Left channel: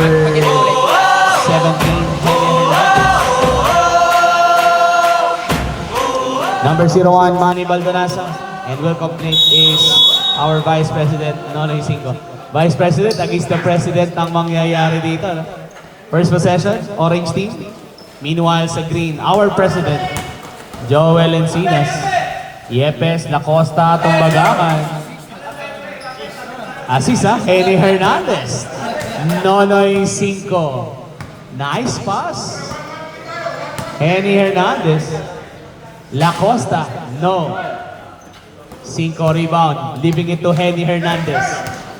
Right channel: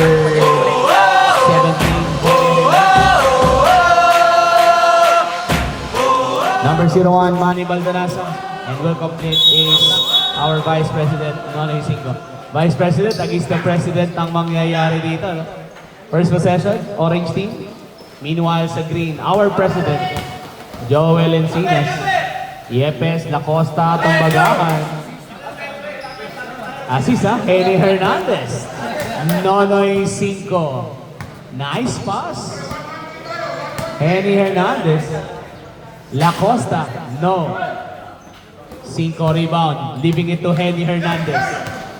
17, number 01, Manny Baldanasa. And will complete is our Vice President, Nonoy Cinco. Vice President, against the President ang mangyayari dito. No? First possession, orange team. Meanwhile sa green, our President, Joel Encinas. Yepes, Lacosta, Tumbagaman. Assist Henry Hernandez. Nonoy Cinco. Nice pass. Henry Hernandez. Lacosta, no. 5 rebound, leaving it to Henry Hernandez.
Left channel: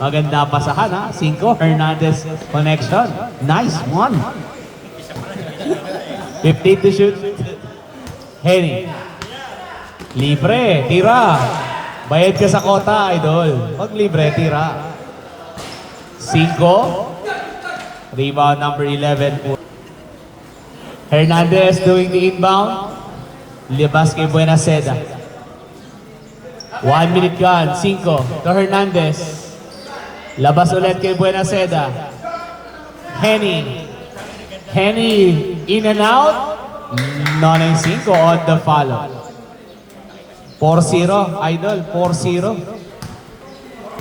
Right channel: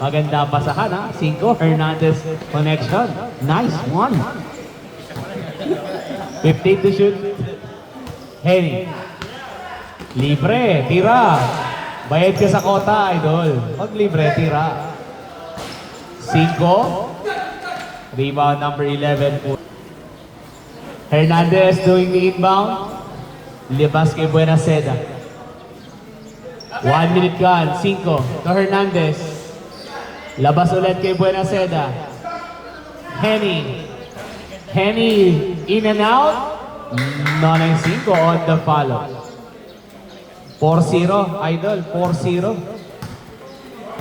Maganda pasahan ha. 5 Hernandez connection. Nice one. 15 to shoot. Henry. Libre, tira. Bayad ka sa kota, idol. Pag libre, tira. 5. Rebound number 11. Hernandez doing the inbound. Libas kay Buenaseda. 1 minute gone. 5 to Hernandez. Labas ulit kay Buenaseda. Henny. Henny in and out. Nonoy 5 on the follow. 4-0, idol. 4-0.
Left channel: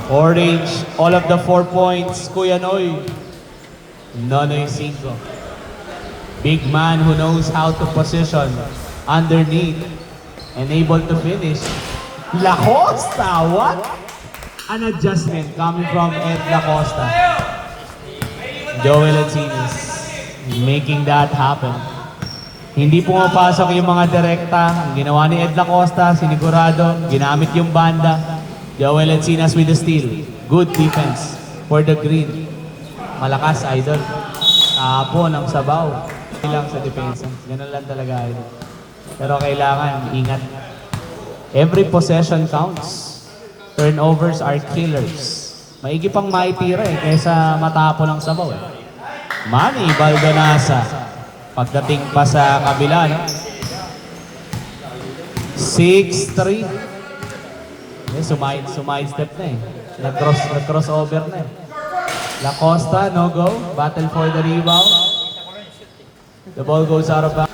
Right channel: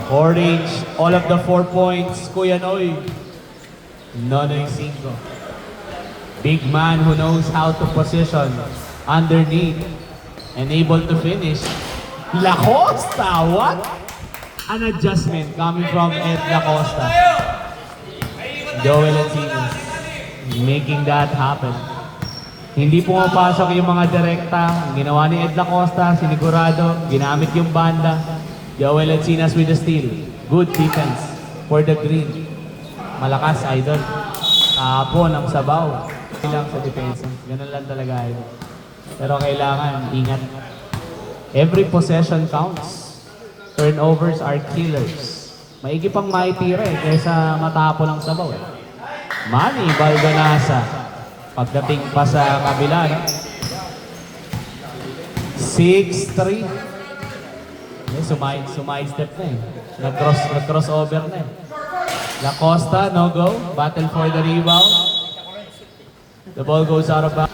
Orange, all of the 4 points. Kuya Noy. Nonoy 5. Big man who knows how to position underneath and able to finish. Lacosta, what? An adjustment coming from Ed Lacosta. Joel Encinas making that happen. Hindi pumapasok yung mga direkta. Ginawa ni Ed Lacosta, sinigurado, ginamit yung banda. Joel Encinas with the steal. Good defense for the green. Malakas, idol. Tapon ang sabaw. Lang sa depensa. Ganun lang talaga, idol. Pero kailangan, ingat. Every possession counts. Turnovers are killers. Maigi pang maitira kaysa matapo ng sabaw Manny Baldanasa. Pagdating pa sa kabila. 6-3. Sumide-step na Nag-crossover na Lacosta, no go. Battle for the rebound. The ball goes out of bounds.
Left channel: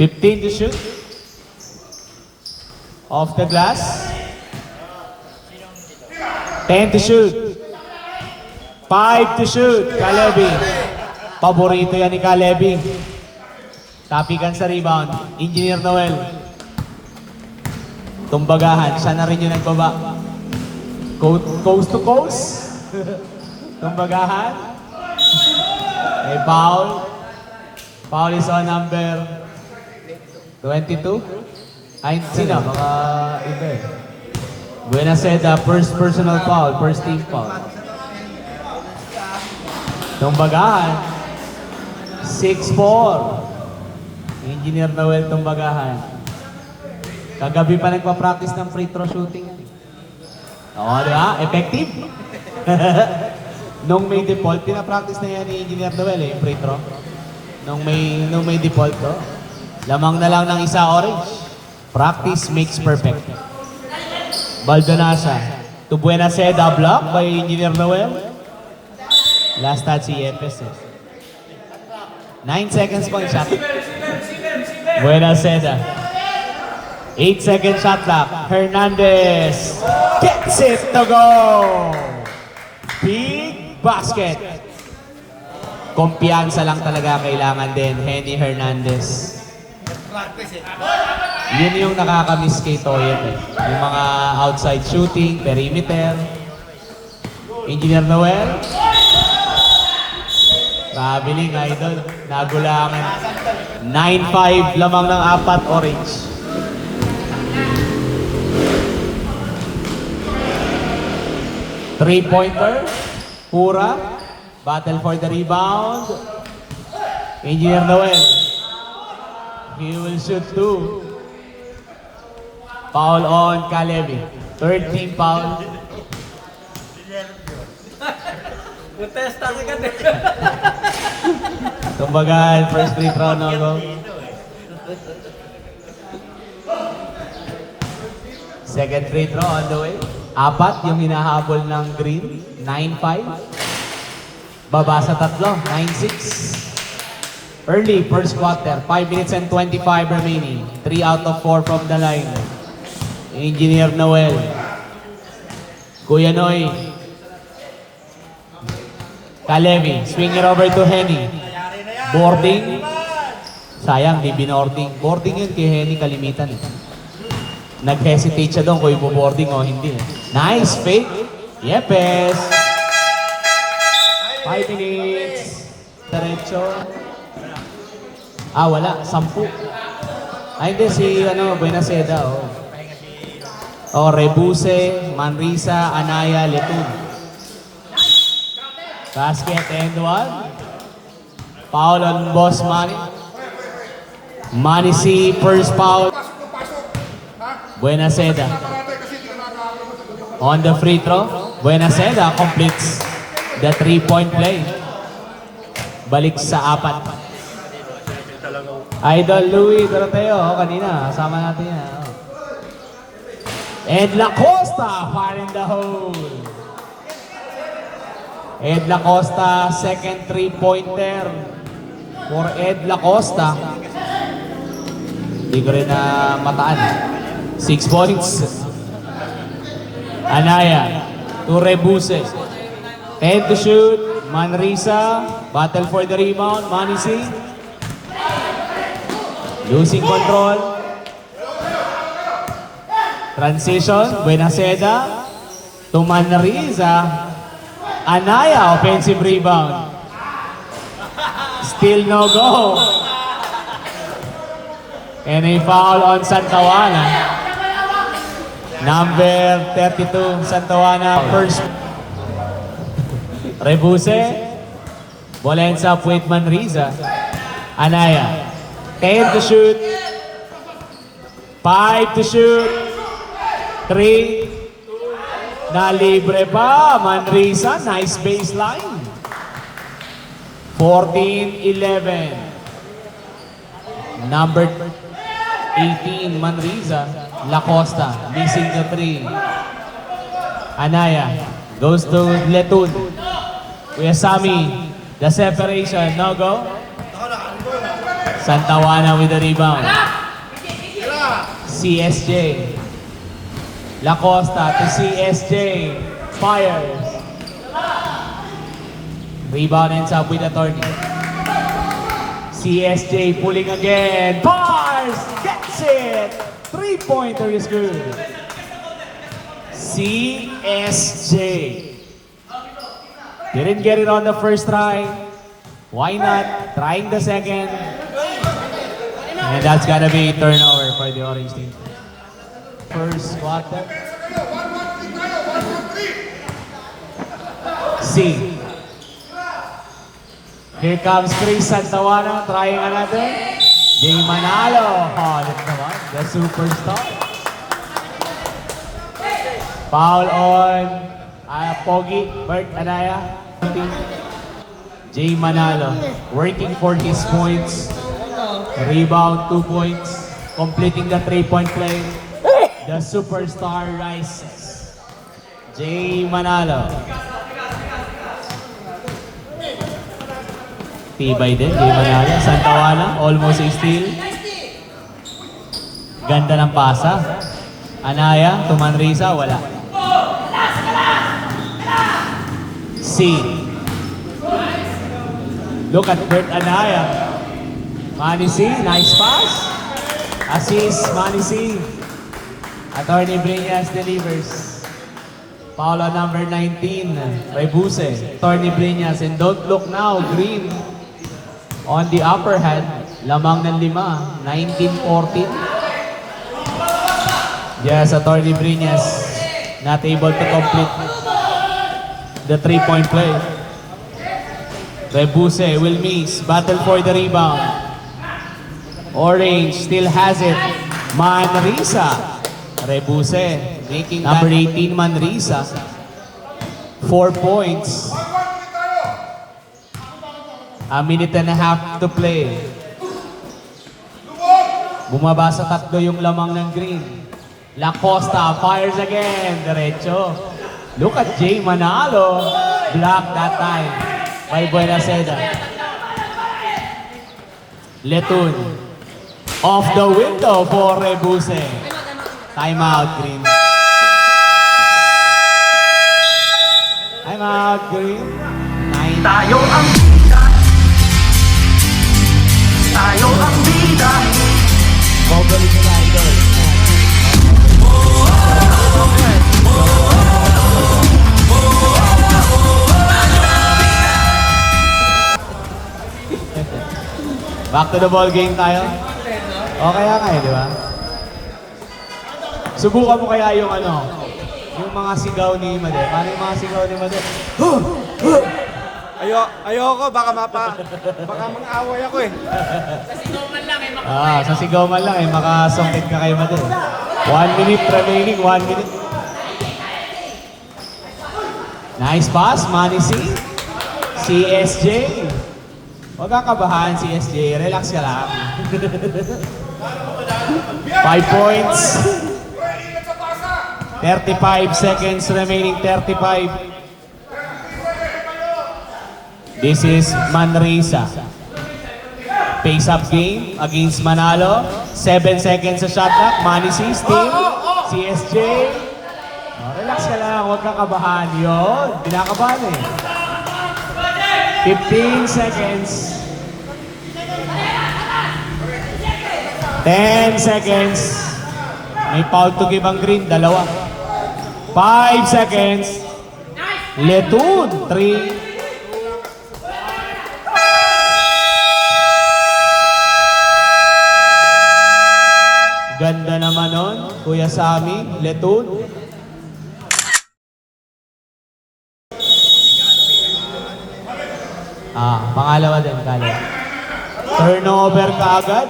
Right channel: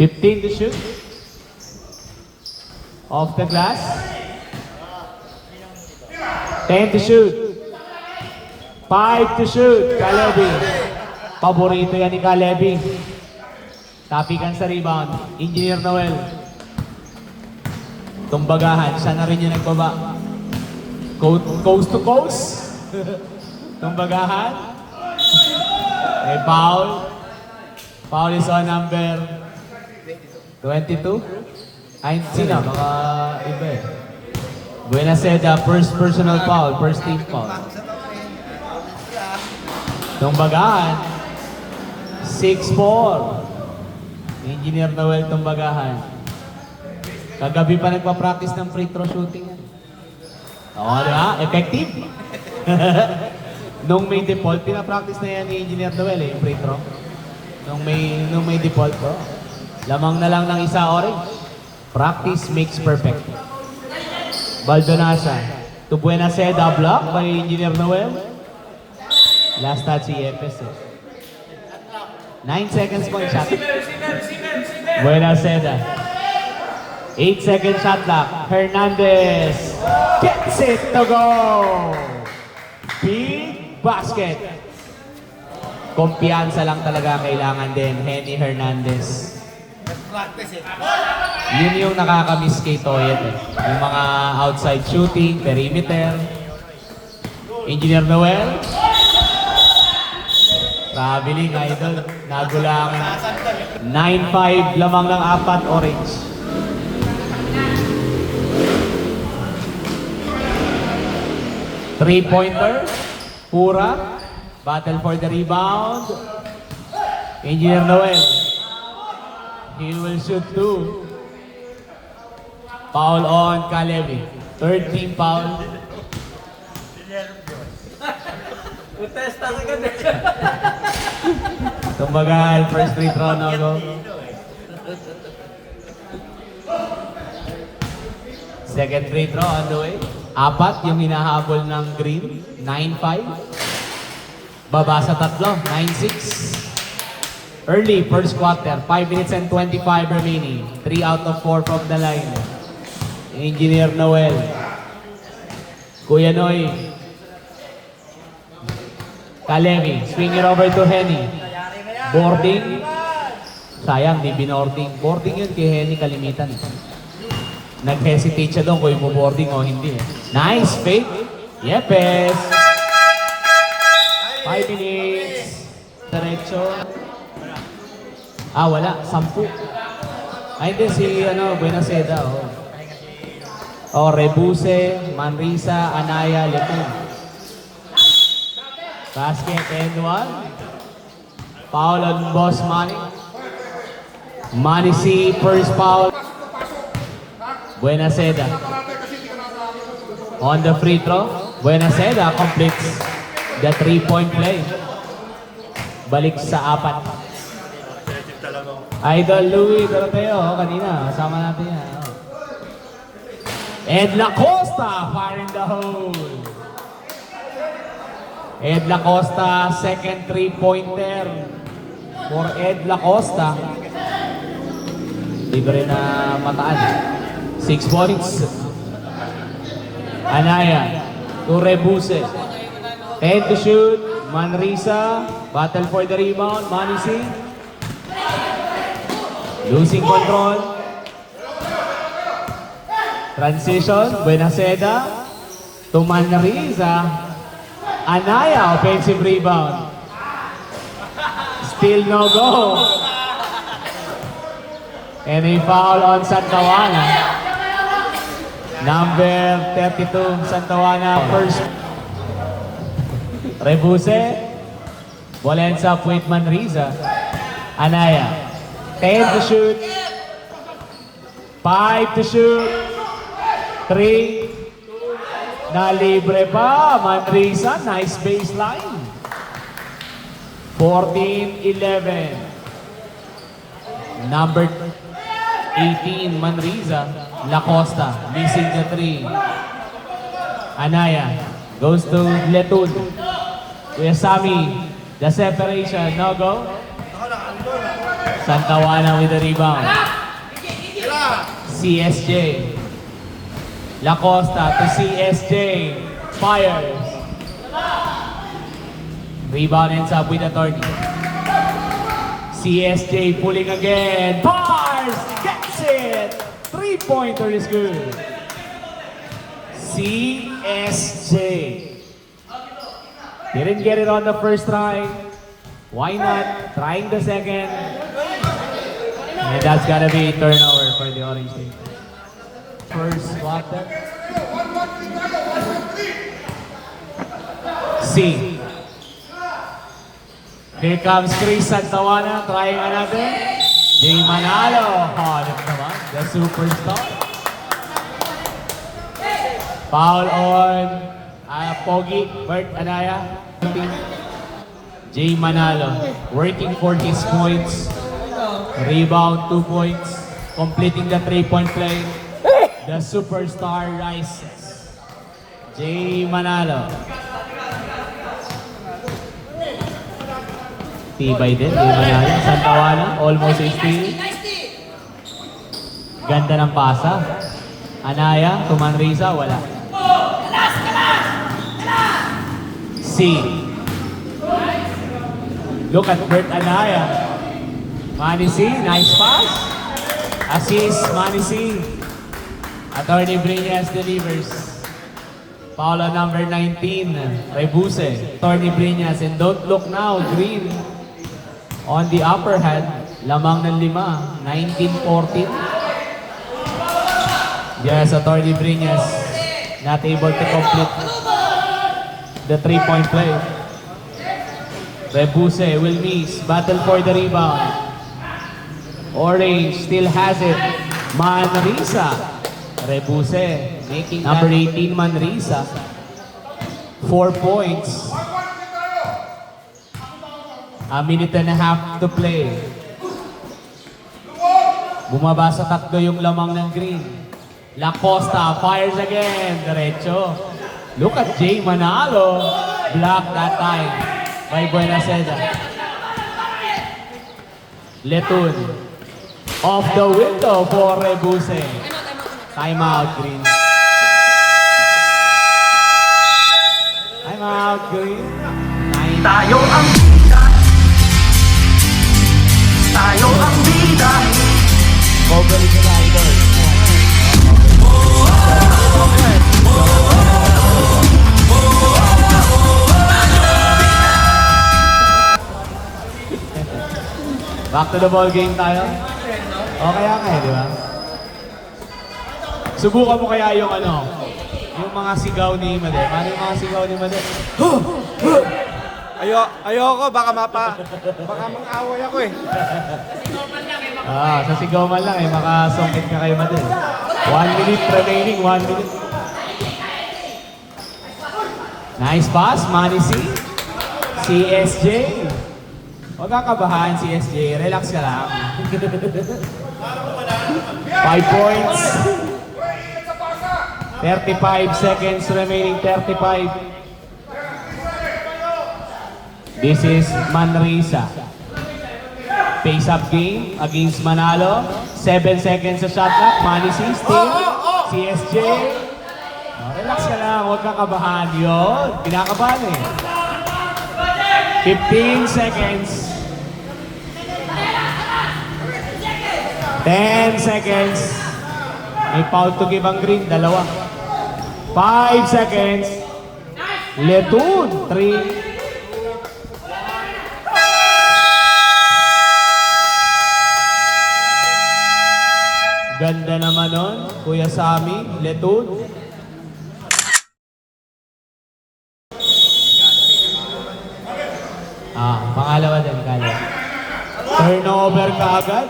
15 to shoot. Off the glass. 10 to shoot. 5 to shoot. Kalebi. Paborito yan ni Kalebi. Tapikan sa rebound. Engineer Noel. Tumbagahan. Siya na rin yung nagbaba. Coast to coast. Tumbagahan. May foul. Foul is on number 22? Ay, sino? Mga iba Buenaseda, first personal foul, first team foul. Tumbagahan. 6-4. Engineer Noel Tumbagahan. Kagabi pa nagpa-practice ng free throw shooting. Oo, diba? Effective. Nung may default, pinapractice na yan ni Engineer Noel yung free throw. Nung may default to. Lamang na lang ng isa orange. Practice makes perfect. Baldanasa to Buenaseda, block by Engineer Noel. Last touch si Yepes. 9 seconds po yung shot. Buenaseda. 8 second shot clock. Hernandez gets it to go. Big basket. Kumpiyansa lang talaga kailangan din. Henry Hernandez. Yun yung nakakamiss kay Toyet Yung mga outside shooting, perimeter. Engineer Noel. Traveling, idol. Nagulangan. 9-5 lamang ng 4 orange. Three-pointer. Pura. Battle for the rebound. Engineer Noel. He will shoot 2. Foul on Kalebi. Third team foul. Protesta sa gabi. Tumbagan, first free throw no go. Second free throw on the way. Apat yung hinahabol ng green. 9-5. Baba sa tatlo. 9-6. Early, first quarter. 5 minutes and 25 remaining. 3 out of 4 from the line. Engineer Noel. Kuya Noy. Kalevi. Swing it over to Henny. Boarding. Sayang, di binording. Boarding yun kay Henny kalimitan. Nag-hesitate siya doon kung ibo-boarding o hindi. Nice fake. Yepes. 5 minutes. Diretso. Wala. 10. Hindi si Buenaseda. Rebuse, Manrisa, Anaya, Letun. Basket and 1. Foul on Boss Manny. Manny C, first foul. Buenaseda. On the free throw, Buenaseda completes the 3-point play. Balik sa 4. Idol Louie Doroteo, kanina, kasama natin yan. Ed Lacosta, fire in the hole. Ed Lacosta, second 3-pointer for Ed Lacosta. Hindi ko rin na mataan. 6 points. Anaya, to Rebuse. Ed to shoot, Manrisa, battle for the rebound, Manisi. Losing control. Transition, Buenaseda to Manrisa. Anaya, offensive rebound. Still no go. And a foul on Santawana. Number 32, Santawana, first. Rebuse. Ball ends up with Manrisa. Anaya. 10 to shoot. 5 to shoot. 3. Na libre pa. Manrisa, nice baseline. 14-11. Number 18, Manrisa. Lacosta, missing the 3. Anaya goes to Letun. Kuya Sami, the separation, no go. Santawana with the rebound. CSJ. Lacosta to CSJ. Fires. Rebound ends up with Attorney. CSJ pulling again. Bars! Gets it! 3-pointer is good. CSJ. Didn't get it on the first try. Why not? Trying the second. And that's gonna be turnover for the Orange team. First quarter. C. Here comes Chris Santawana trying another. Jay Manalo. That's naman, the superstar. Foul on Pogi, Bert Anaya. Jay Manalo working for his points. Rebound, 2 points. Completing the 3-point play. The superstar rises. Jay Manalo. Tibay din, Jay Manalo. Santawana, almost a steal. Ganda ng pasa. Anaya, to Manrisa, wala. C. Look at Bert Anaya. Manisi, nice pass. Assist, Manisi. Attorney Briñas delivers. Foul on number 19, Rebuse. Attorney Briñas, and don't look now, Green. On the upper hand, lamang ng 5, 19-14. Yes, Attorney Briñas not able to complete the 3-point play. Rebuse will miss, battle for the rebound. Orange still has it. Manrisa. Rebuse making number 18 Manrisa. 4 points. A minute and a half to play. Bumaba sa 3 yung lamang ng Green. La Costa fires again. Derecho. Look at Jay Manalo. Block that time by Buenaseda. Letun. Off the window for Rebuse. Timeout, Green. Timeout, Green. Tayo ang bida. Tayo ang bida. Bobalik na idol. Back to the ball game tayo. O kaya kaya, di ba? Subukan mo kaya yung yung mga sigaw ni Made. Paano yung mga sigaw ni Made? Ayoko, baka baka mang-away ako eh. Sa sigaw man lang makasungkit ka kay Made. 1 minute remaining, 1 minute. Nice pass, Manny C. CSJ. Huwag kang kabahan, CSJ. Relax ka lang. 5 points. 35 seconds remaining, 35. This is Manresa. Face-up game against Manalo. 7 seconds sa shot clock. Manny C. Steam. CSJ. Relax ka lang, huwag kang kabahan. Yun, kinakabahan eh. 15 seconds. 10 seconds. May foul to give ang Green, 2. 5 seconds. Letun, 3. Ganda naman nun, Kuya Sammy, Letun. Pangalawa din, kaya. Turnover ka agad.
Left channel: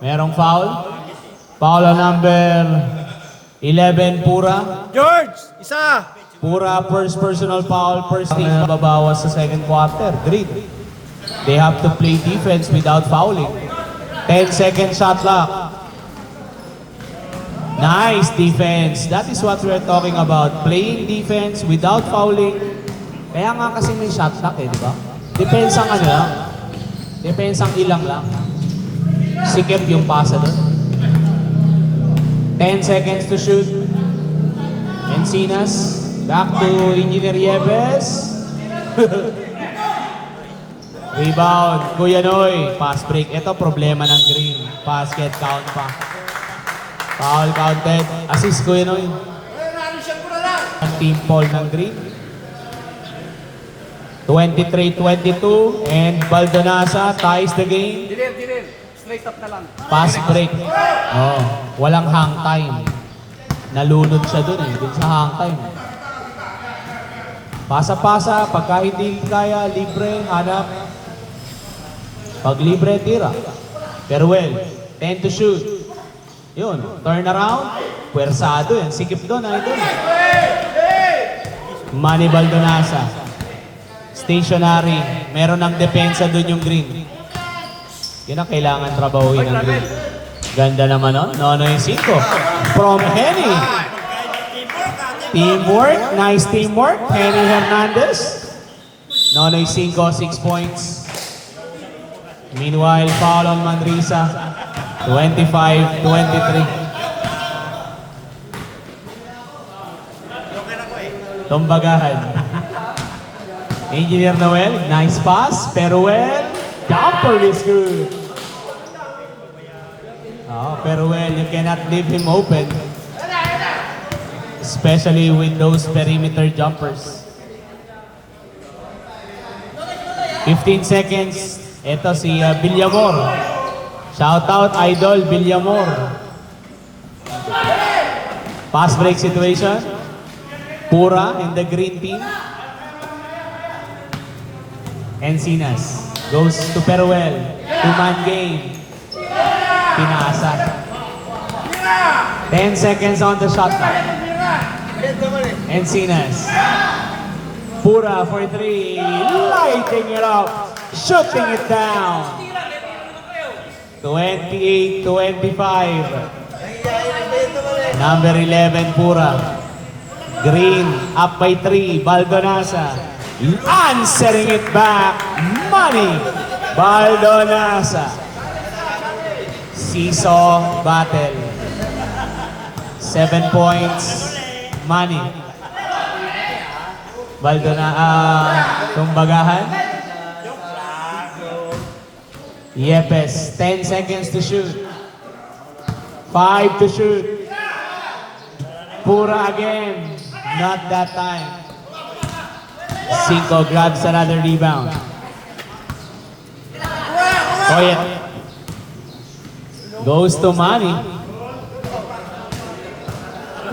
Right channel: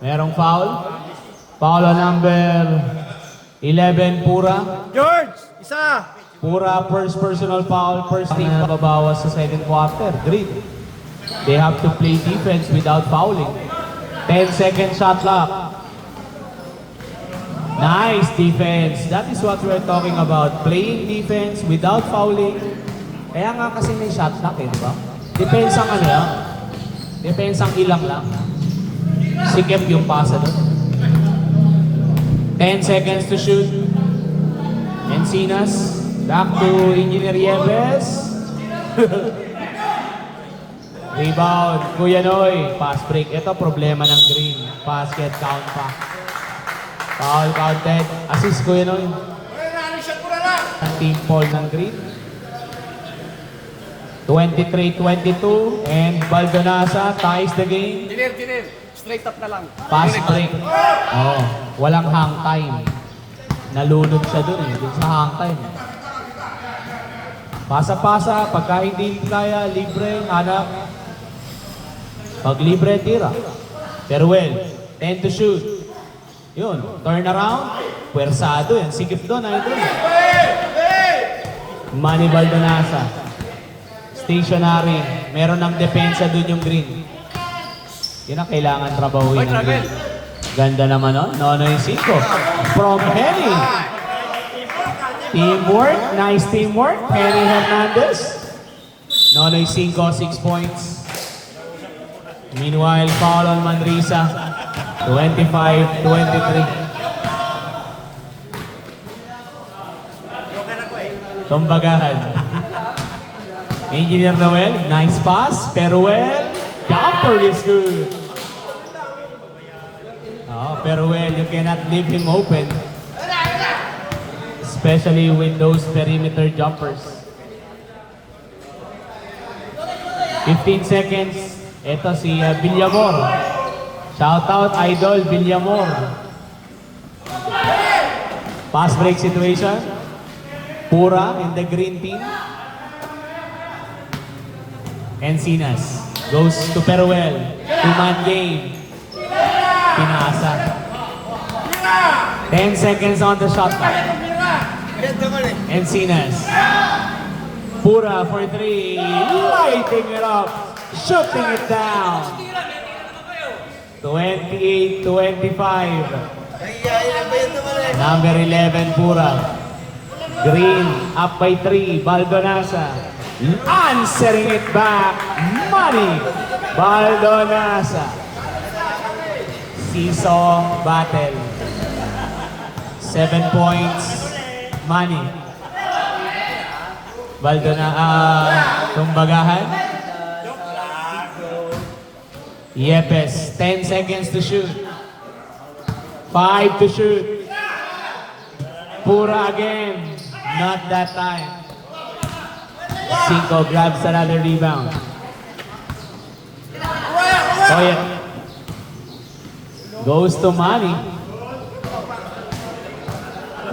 Merong foul. Foul on number 11, Pura. George, isa! Pura, first personal foul, first team na babawas sa second quarter. Green. They have to play defense without fouling. 10 second shot clock. Nice defense. That is what we're talking about. Playing defense without fouling. Kaya nga kasi may shot clock eh, di ba? Depends ang lang. Depends ang ilang lang. Sikip yung pasa doon. 10 seconds to shoot. Encinas. Back to Engineer Yepes. Rebound. Kuya Noy. Pass break. Ito problema ng Green. Basket count pa. Foul counted. Assist Kuya Noy. Team Paul ng Green. 23-22 and Baldonasa ties the game. Dinir. Straight up na lang. Pass break. Walang hang time. Nalunod siya dun dun sa hang time. Pasa-pasa, pagka hindi kaya, libre, hanap. Pag libre, tira. Farewell. 10 to shoot. Yun, turn around. Puwersado yan. Sikip doon, idol. Manny Baldonasa. Stationary. Meron ng depensa doon yung Green. Yun ang kailangan trabahuin ng Green. Ganda naman Nonoy 5. From Henny. Teamwork. Nice teamwork. Henny Hernandez. Nonoy 5, 6 points. Meanwhile, foul on Manresa. 25-23. Tumbagahan. Engineer Noel, nice pass. Peruel, jumper is good. Peruel, you cannot leave him open. Especially with those perimeter jumpers. 15 seconds. Ito si Villamor. Shout out Idol Villamor. Pass break situation. Pura in the green team. Encinas goes to Peruel. 2-man game. Pinasa. 10 seconds on the shot clock. Encinas. Pura for 3. Lighting it up. Shooting it down. 28-25. Number 11, Pura. Green, up by 3, Baldonasa. Answering it back, Money. Baldonasa. Seesaw battle. 7 points, Money. Tumbagahan. Yepes, 10 seconds to shoot. 5 to shoot. Pura again. Not that time. Cinco grabs another rebound. Koya goes to Manny.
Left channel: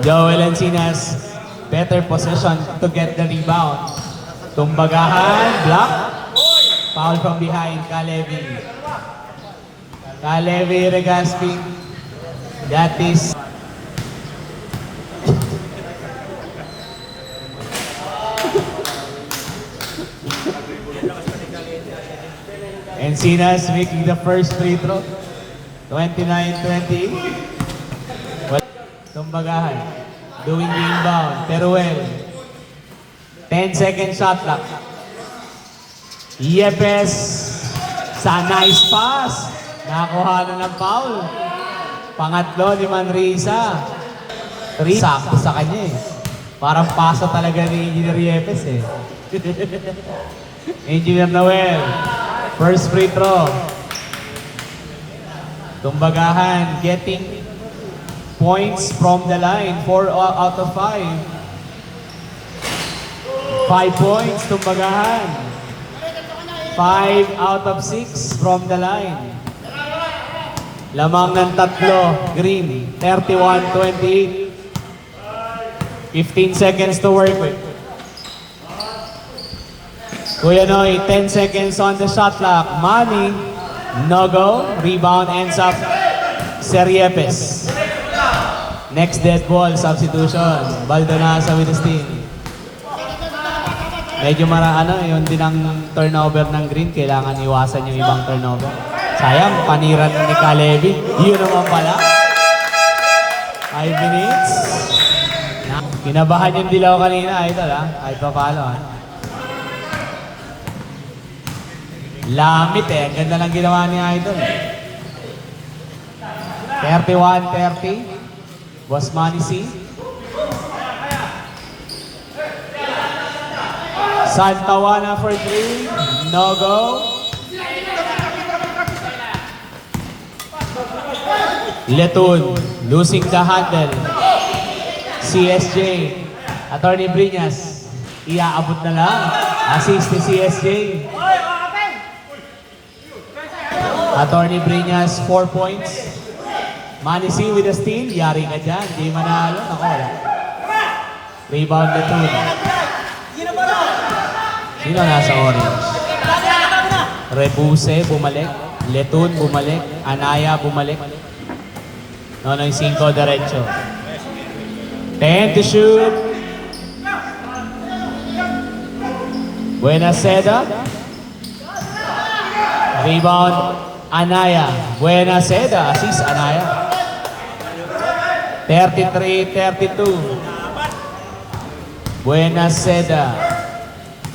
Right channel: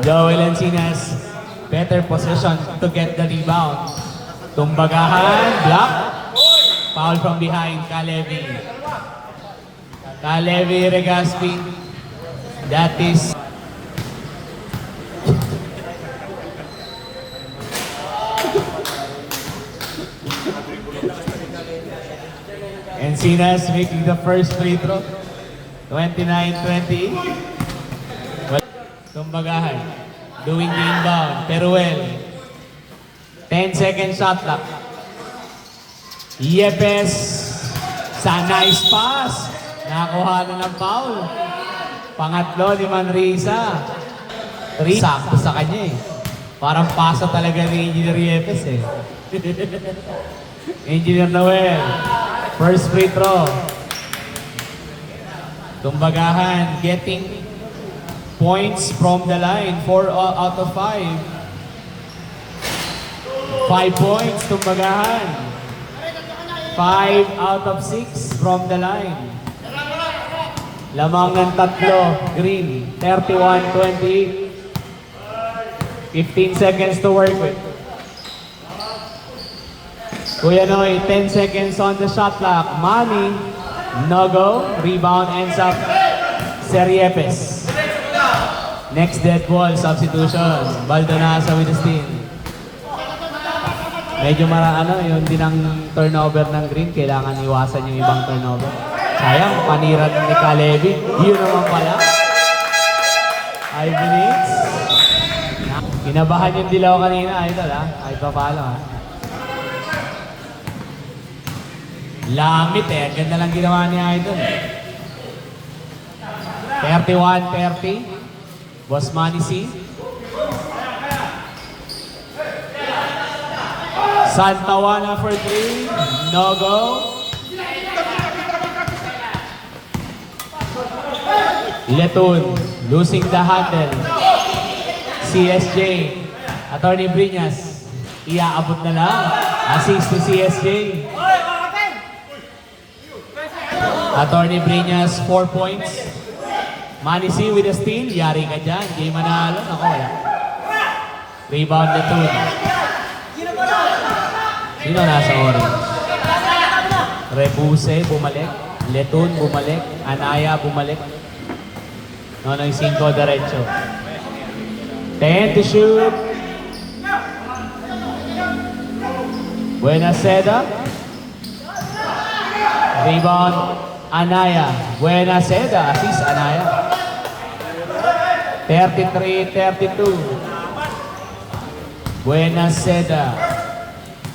Joel Encinas, better possession to get the rebound. Tumbagahan, block. Foul from behind, Kalevi. Kalevi Regaspi. That is Encinas making the first free throw. 29-20. Tumbagahan. Doing the inbound. Teruel. 10 second shot clock. Yepes. Sa nice pass. Nakakuha na ng foul. Pangatlo ni Manrisa. 3. Sakto sa kanya eh. Parang pasa talaga ni Engineer Yepes eh. Engineer Noel. First free throw. Tumbagahan getting points from the line. 4 out of 5. 5 points, Tumbagahan. 5 out of 6 from the line. Lamang ng tatlo, Green, 31-28. 15 seconds to work with. Kuya Noy, 10 seconds on the shot clock. Manny, no go. Rebound ends up Seriepes. Next dead ball, substitution. Baldonasa with the steal. Medyo yun din ang turnover ng Green. Kailangan iwasan yung ibang turnover. Sayang, paniran ni Kalevi. Yun naman pala. 5 minutes. Kinabahan yung dilaw kanina, idol ha. Kahit pa paano ha. Lamit eh. Ang ganda lang ginawa ni Idol. 31-30. Boss Manny C. Santawana for 3. No go. Letun losing the handle. CSJ. Attorney Briñas. Iaabot na lang. Assist to CSJ. Attorney Briñas, 4 points. Manny C with a steal. Yari ka dyan. Di manalo. Naku, wala. Rebound Letun. Sino nasa orange? Rebuse, bumalik. Letun, bumalik. Anaya, bumalik. Nonoy 5, derecho. 10 to shoot. Buenaseda. Rebound. Anaya, Buenaseda, assist Anaya. 33-32. Buenaseda,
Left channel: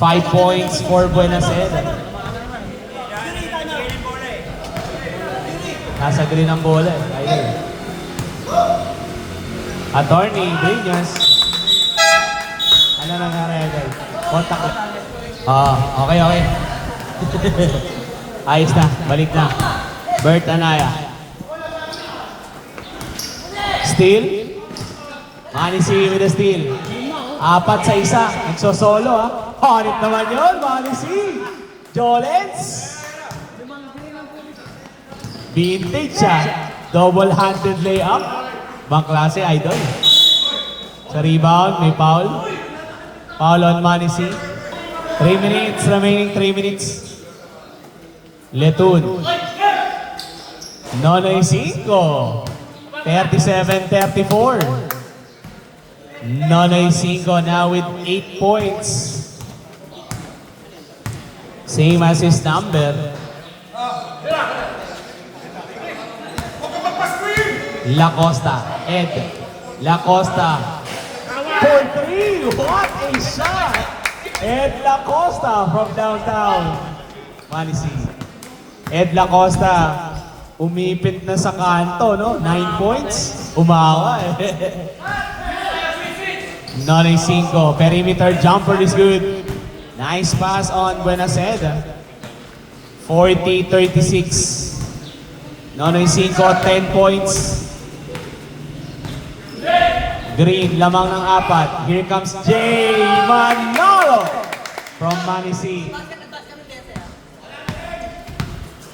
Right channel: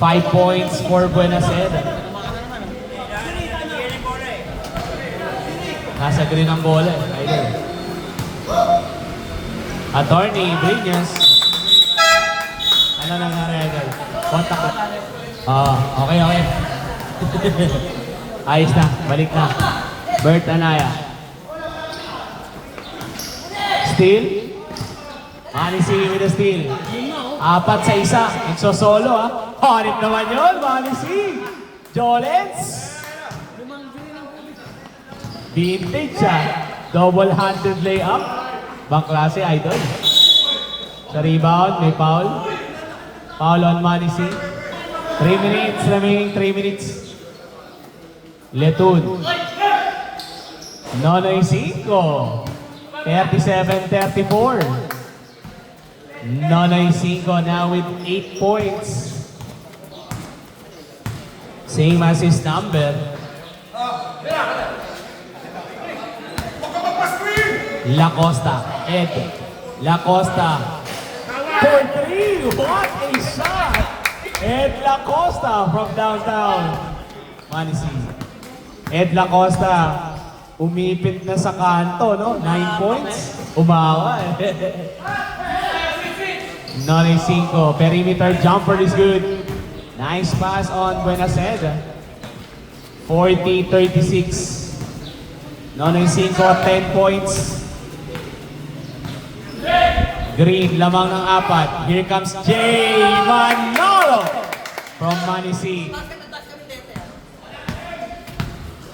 5 points for Buenaseda. Nasa green ang bola eh. Attorney Briñas. Ano nangyari agad? Contact lang. Okay. Ayos na, balik na. Bert Anaya. Steal. Manny C with a steal. 4 sa isa. Nagsosolo ha. Hanip naman yun, Manny C. Jolens. Vintage ha. Double-handed layup. Bang klase, Idol. Sa rebound, may foul. Foul on Manny C. 3 minutes remaining, 3 minutes. Letun. Nonoy 5. 37-34. Nonoy 5 now with 8 points. Same as his number. Lacosta. Ed Lacosta. For three. What a shot! Ed Lacosta from downtown. Manisi. Ed Lacosta. Umipit na sa kanto, no? 9 points. Umawa eh. Nonoy 5. Perimeter jumper is good. Nice pass on Buenaseda. 40-36. Nonoy 5, 10 points. Green, lamang ng 4. Here comes Jay Manalo from Manisi.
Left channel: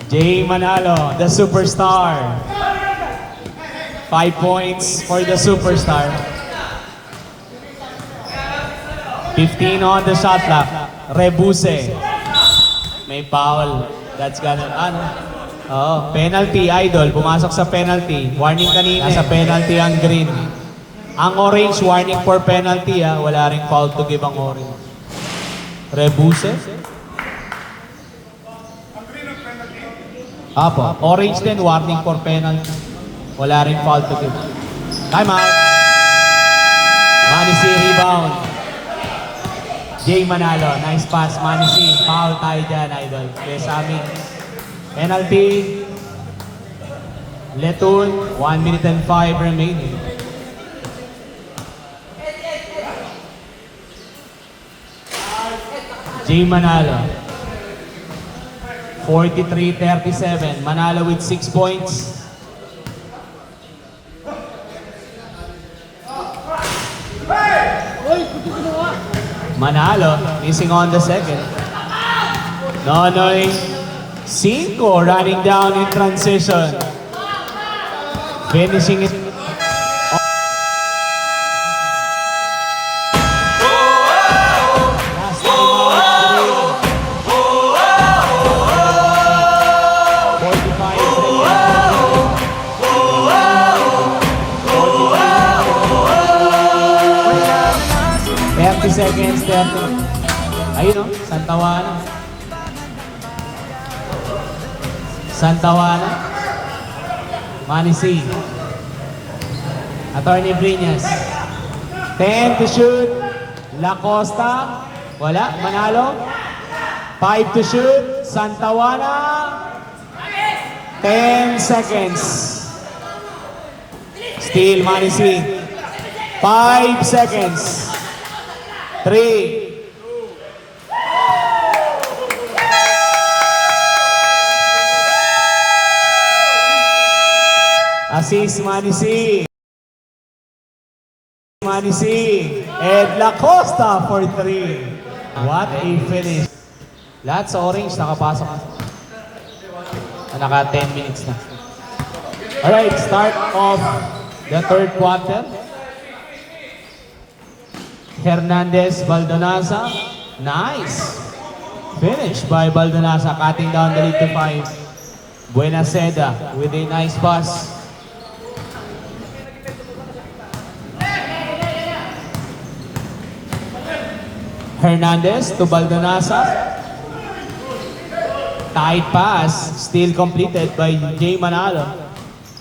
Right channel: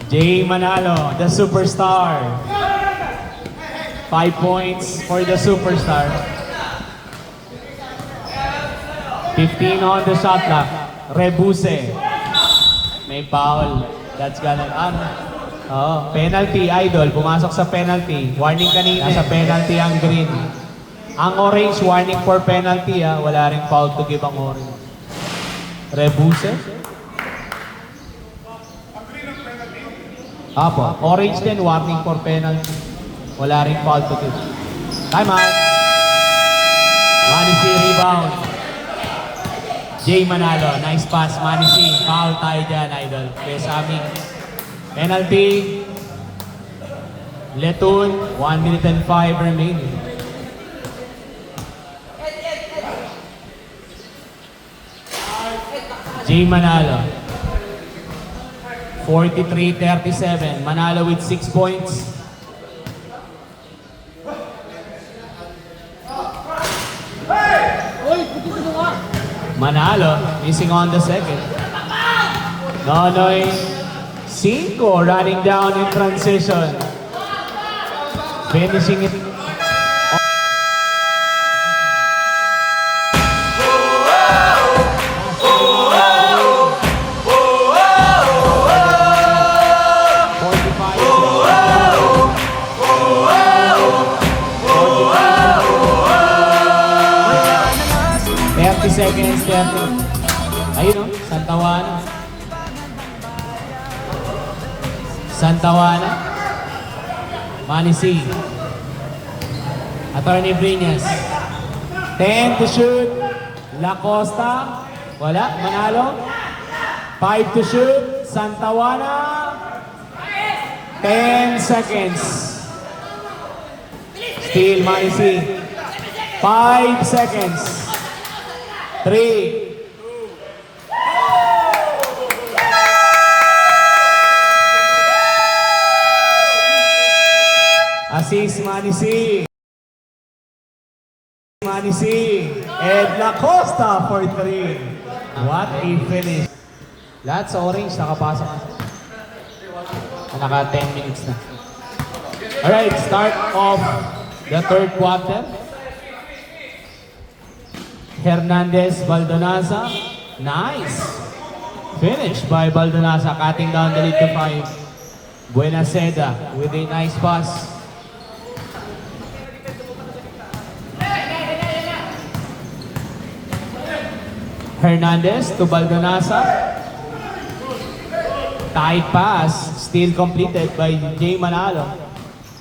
Jay Manalo, the superstar. 5 points for the superstar. 15 on the shot clock. Rebuse. May foul. That's gonna, penalty, idol. Pumasok sa penalty. Warning kanina sa penalty ang green. Ang orange, warning for penalty. Wala ring foul to give ang orange. Rebuse. Apo, orange din, warning for penalty. Wala ring foul to give. Time out. Manisi rebound. Jay Manalo, nice pass. Manisi, foul tayo dyan, idol. Besami. Penalty. Letun, 1 minute and 5 remaining. Jay Manalo. 43-37. Manalo with 6 points. Manalo missing on the second. Nonoy 5 running down in transition. Finishing it. Seconds left. Ayun o, Santawana. Santawana. Manisi. Attorney Brinas. 10 to shoot. Lacosta. Wala. Manalo. 5 to shoot. Santawana. 10 seconds. Still Manisi. 5 seconds. 3. Assist Manisi. Manisi. Ed Lacosta for 3. What a finish. Lahat sa orange nakapasok. Naka 10 minutes na. Alright, start of the third quarter. Hernandez, Baldonasa. Nice. Finish by Baldonasa, cutting down the lead to 5. Buenaseda with a nice pass. Hernandez to Baldonasa. Tight pass, still completed by Jay Manalo.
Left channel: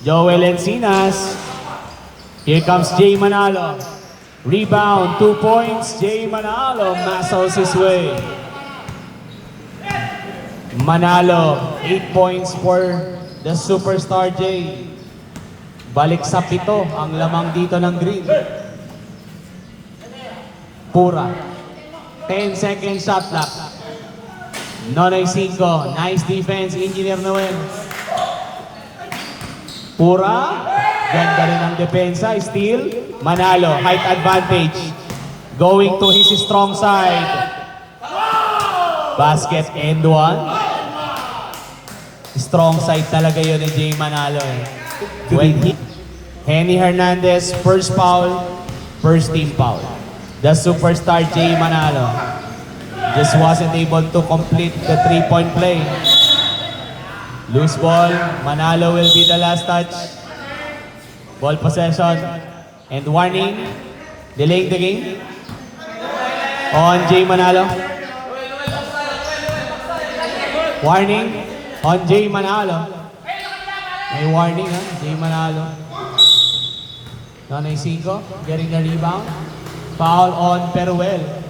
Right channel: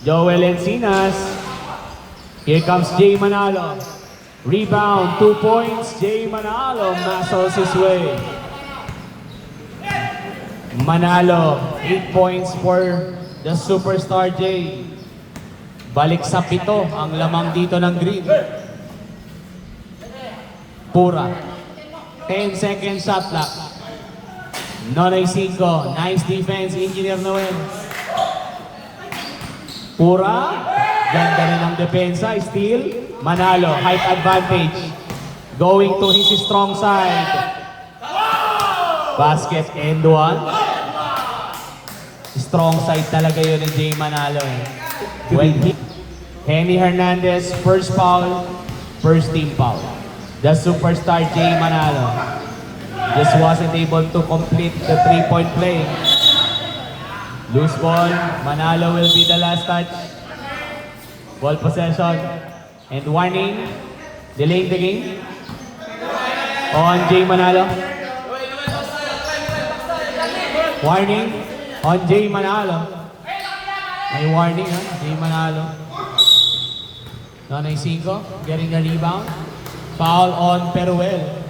Joel Encinas. Here comes Jay Manalo. Rebound, 2 points. Jay Manalo muscles his way. Manalo, 8 points for the superstar Jay. Balik sa 7 ang lamang dito ng green. Pura. 10 second shot clock. Nonoy 5. Nice defense, Engineer Noel. Pura. Ganda rin ang depensa. Steal. Manalo, height advantage. Going to his strong side. Basket and 1. Strong side talaga yun ni Jay Manalo. Henny Hernandez, first foul, first team foul. The superstar Jay Manalo just wasn't able to complete the 3-point play. Loose ball, Manalo will be the last touch. Ball possession. And warning, delaying the game on Jay Manalo. Warning on Jay Manalo. May warning Jay Manalo. Nonoy Cinco getting the rebound. Foul on Peruel.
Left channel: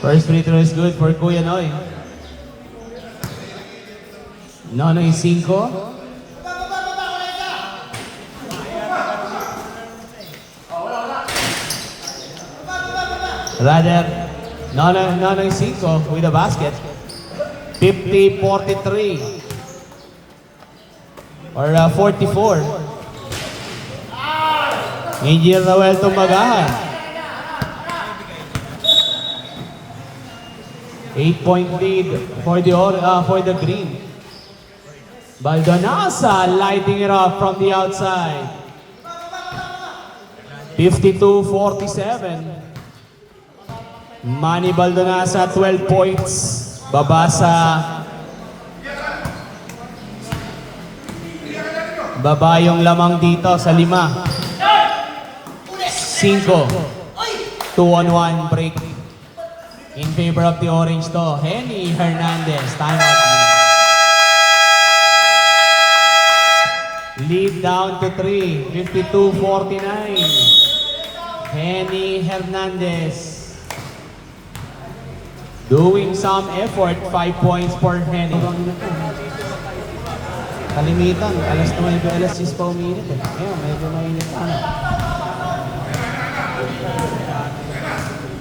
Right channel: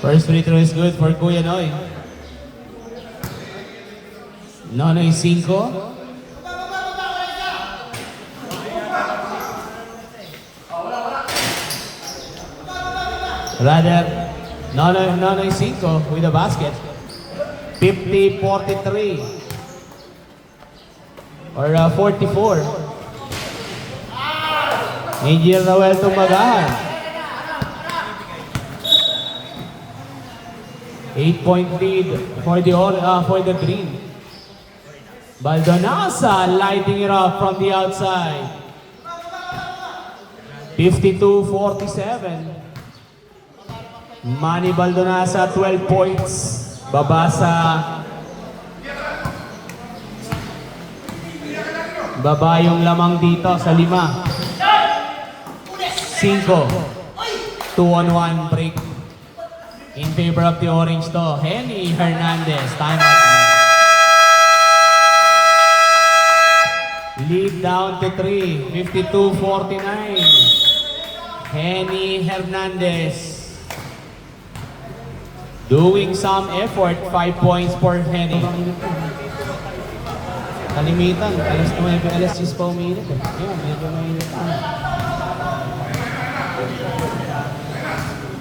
First free throw is good for Kuya Noy. Nonoy Cinco. Rather, Nonoy Cinco with the basket. 50-43. Or 44. Angel Roel tumagahan. 8-point lead for the green. Baldonasa lighting it up from the outside. 52-47. Manny Baldonasa 12 points. Baba yung lamang dito sa 5. 5. 2-on-1 break. In favor of the orange to Henny Hernandez. Timeout. Lead down to 3. 52-49. Henny Hernandez. Doing some effort. 5 points for Henny. Kalimitan, alas 9, alas 10 pa uminit eh. Ngayon, medyo mainitan.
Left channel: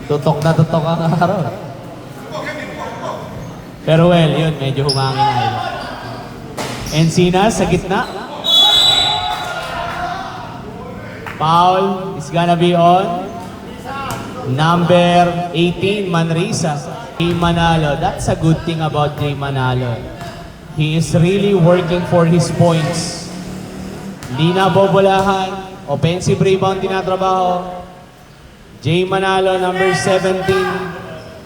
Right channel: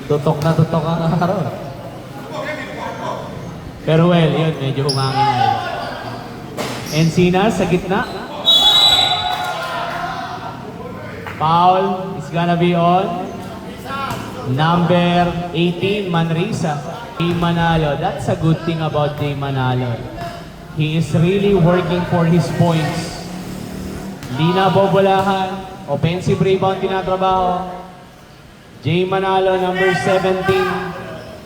Tutok na tutok ang araw. Pero well, yun, medyo humangin na yun. Encinas sa gitna. Foul is gonna be on number 18, Manresa. Jay Manalo. That's a good thing about Jay Manalo. He is really working for his points. Lina Bobolahan, offensive rebound tinatrabaho. Jay Manalo, number 17,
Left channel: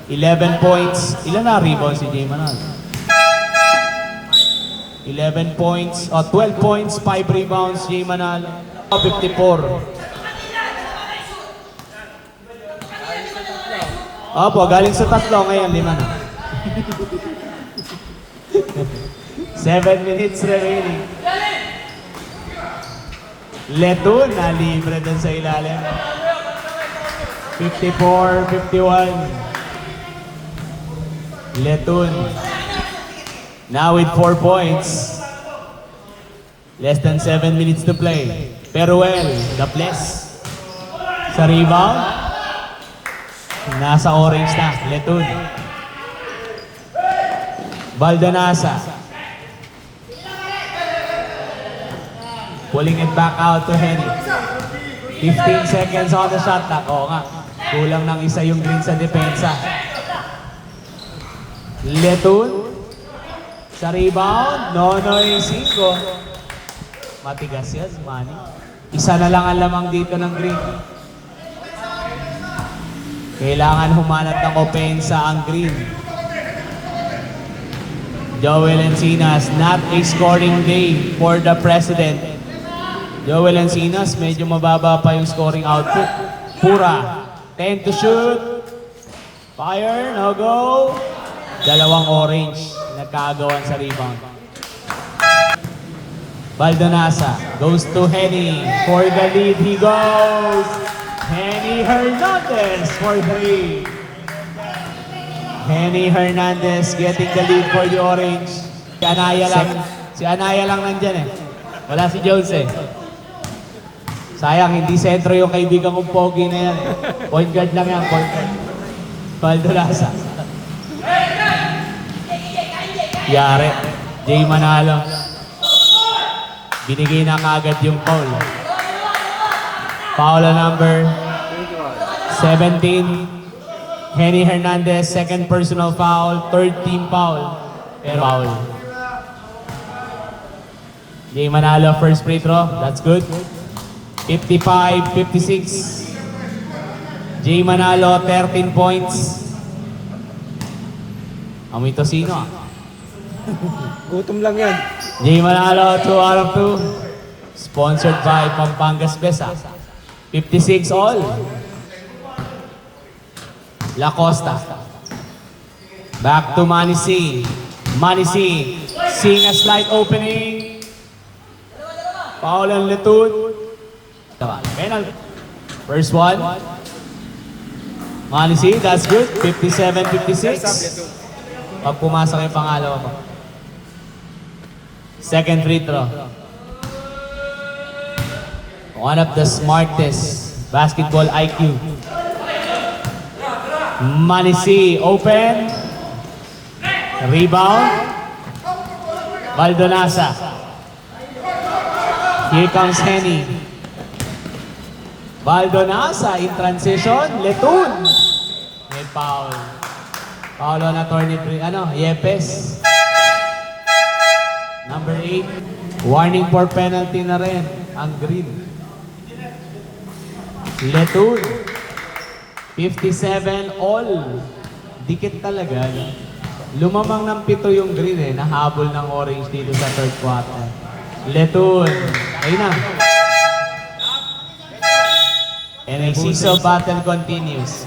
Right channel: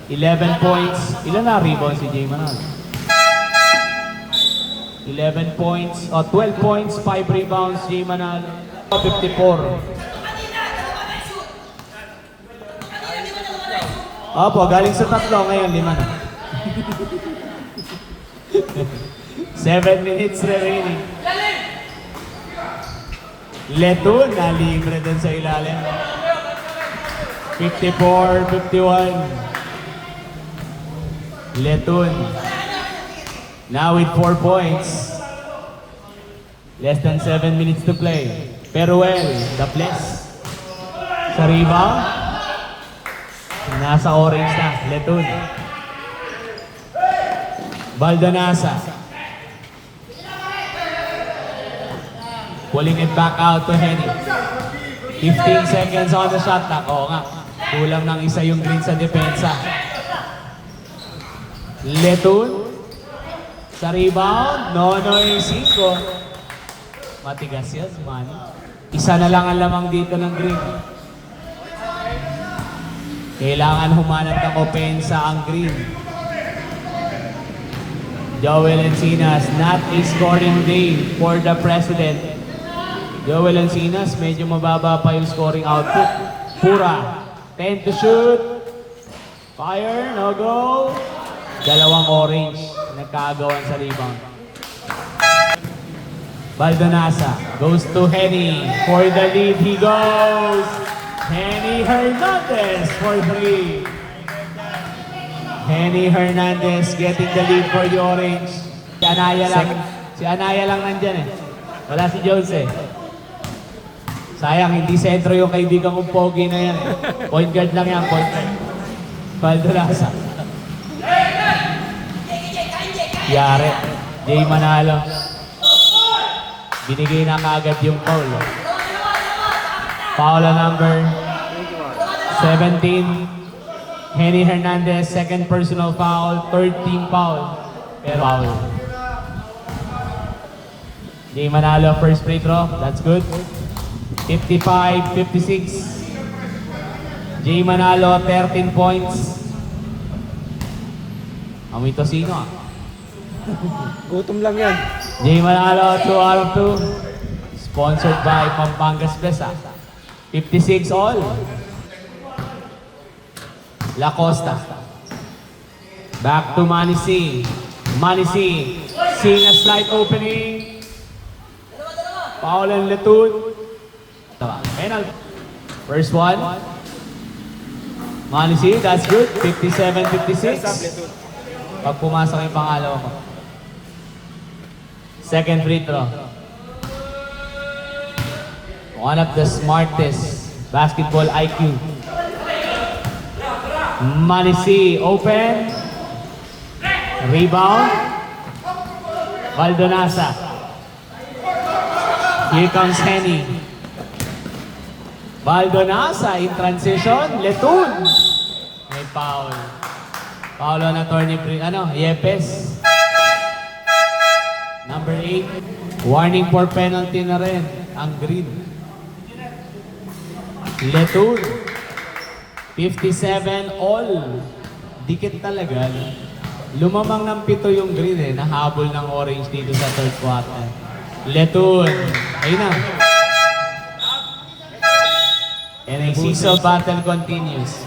11 points. Ilan na rebound si Jay Manalo? 11 points, 12 points, 5 rebounds, Jay Manalo. 54. Opo, galing sa tatlo ngayon, 5 na. 7 minutes remaining. Letun na libre dun sa ilalim. 54-51. Letun. Now with 4 points. Less than 7 minutes to play. Peruel, the bless. Sa rebound. Nasa orange na. Letun. Baldonasa. Pulling it back out to Henny. 15 seconds on the shot clock. Oo nga. Kulang ng isa yung green sa depensa. Letun. Sa rebound. Nonoy Cinco. Matigas yan, Manny. Isa na lang ang lamang dito ng green. Kailangan humanap ng opensa ang green. Joel Encinas, not a scoring day for the president. Joel Encinas, medyo mababa pa yung scoring output. Pura, 10 to shoot. Fire, no go. Dalawang orange, nagkagawan sa rebound. Baldonasa goes to Henny. For the lead, he goes. Henny Hernandez for 3. Henny Hernandez getting the lead for the orange. Si Anaya lang nandyan eh. Wala si Jones eh. Sayang, hindi sentro yung kaibigan kong pogi na yan. Point guard lang yan, point guard. Baldonasa. Yare. Jay Manalo. Binigay na agad yung foul. Foul number 17. Henny Hernandez, second personal foul. Third team foul. Foul. Jay Manalo, first free throw. That's good. 55-56. Jay Manalo, 13 points. Amoy tosino. Gutom lang yan. Jay Manalo, 2 out of 2. Sponsored by Pampangas Besa. 56 all. La Costa. Back to Manny C. Manny C. Seeing a slight opening. Paul and Letud. Penalty. First one. Manny C, that's good. 57-56. Pag pumasok yung pangalawa mo. Second free throw. One of the smartest basketball IQ. Manny C, open. Rebound. Baldonasa. Here comes Henny. Baldonasa in transition. Letun. May foul. Foul on attorney, Yepes. Number 8. Warning for penalty na rin. Ang green. Letun. 57 all. Dikit talaga. Lumamang ng 7 yung green Nahabol ng orange dito sa third quarter. Letun. Ayun na. And a seesaw battle continues.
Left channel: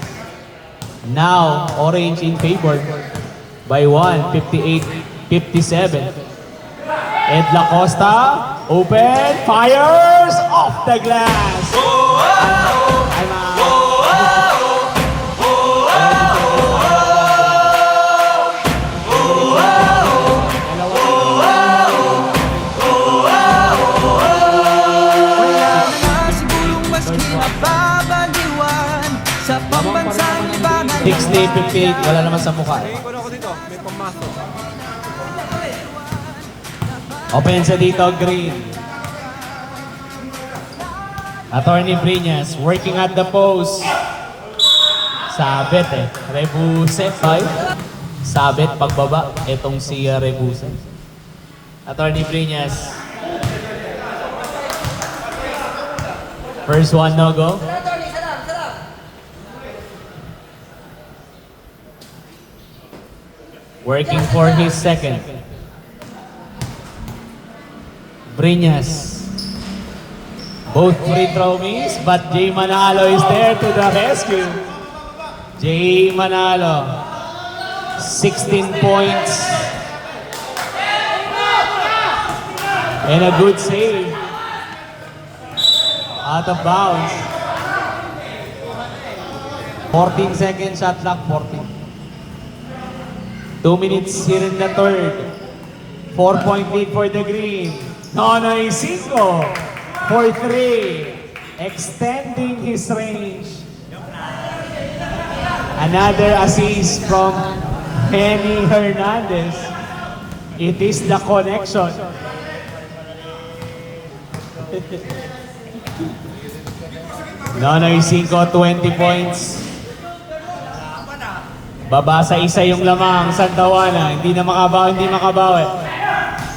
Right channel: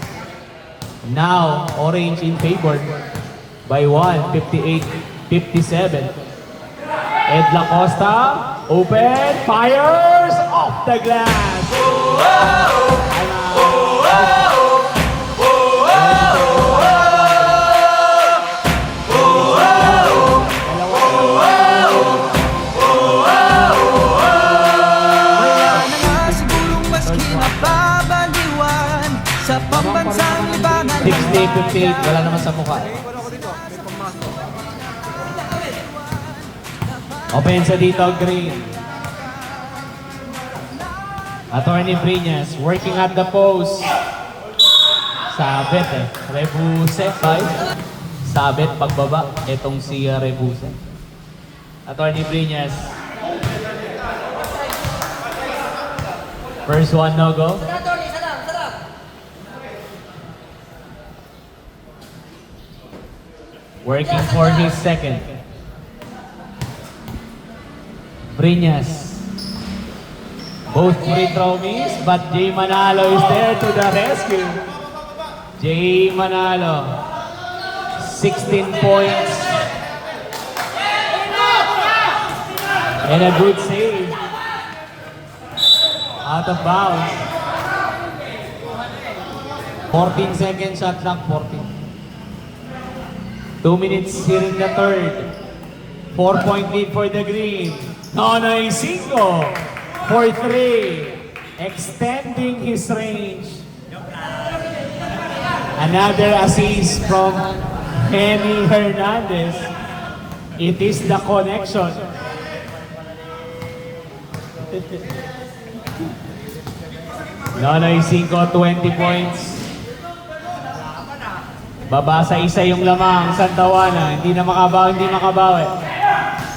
Now, orange in favor by 1, 58-57. Ed Lacosta, open, fires off the glass. Wala na nga sigurong mas kinapabaliwan sa pambansang libangan. 60-58, wala naman sa mukha. Opensa dito, green. Attorney Briñas working at the post. Sabit Rebuse, 5. Sabit, pagbaba. Itong si Rebuse. Attorney Briñas. First one, no go. Working for his second. Briñas. Both free throw miss, but Jay Manalo is there to the rescue. Jay Manalo. 16 points. And a good save. Out of bounds. 14 seconds shot clock, 14. 2 minutes here in the third. 4-point lead for the green. Nonoy Cinco for 3. Extending his range. Another assist from Henny Hernandez. It is the connection. Nonoy Cinco, 20 points. Babasa isa yung lamang, Santawana. Hindi makabawi.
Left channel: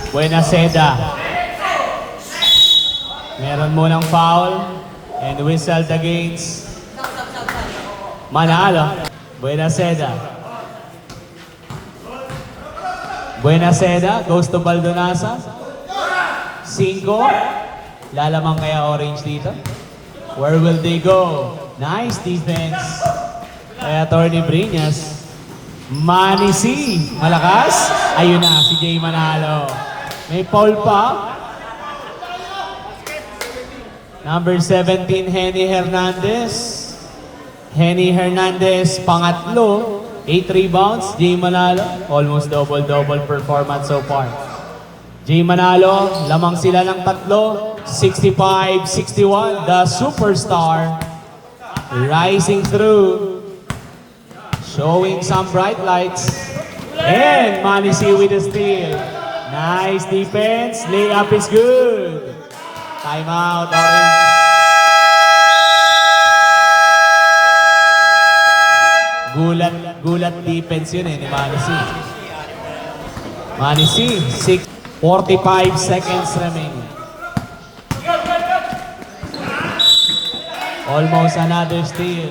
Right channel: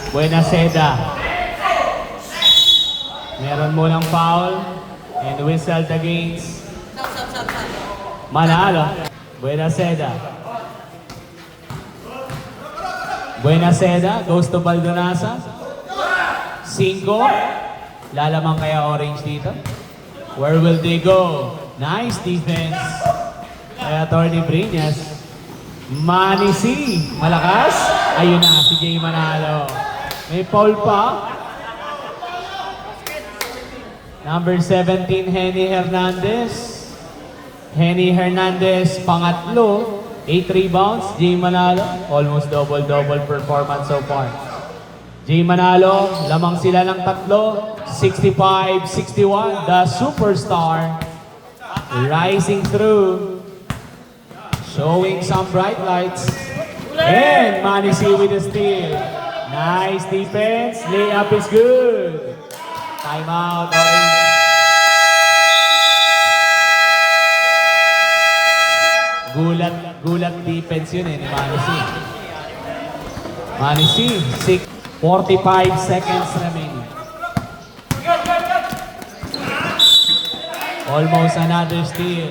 Buena Seda. Meron munang foul. And whistled against Manalo. Buena Seda. Buena Seda goes to Baldonasa. 5. Lalamang kaya orange dito. Where will they go? Nice defense. Kaya Attorney Briñas. Manny C. Malakas. Ayun na, si Jay Manalo. May foul pa. Number 17, Henny Hernandez. Henny Hernandez, pangatlo. 8 rebounds. Jay Manalo, almost double-double performance so far. Jay Manalo, lamang sila ng 3. 65-61, the superstar. Rising through. Showing some bright lights. And Manny C with the steal. Nice defense. Layup is good. Timeout. Gulat defense yun ni Manny C. Manny C, 45 seconds remaining. Almost another steal.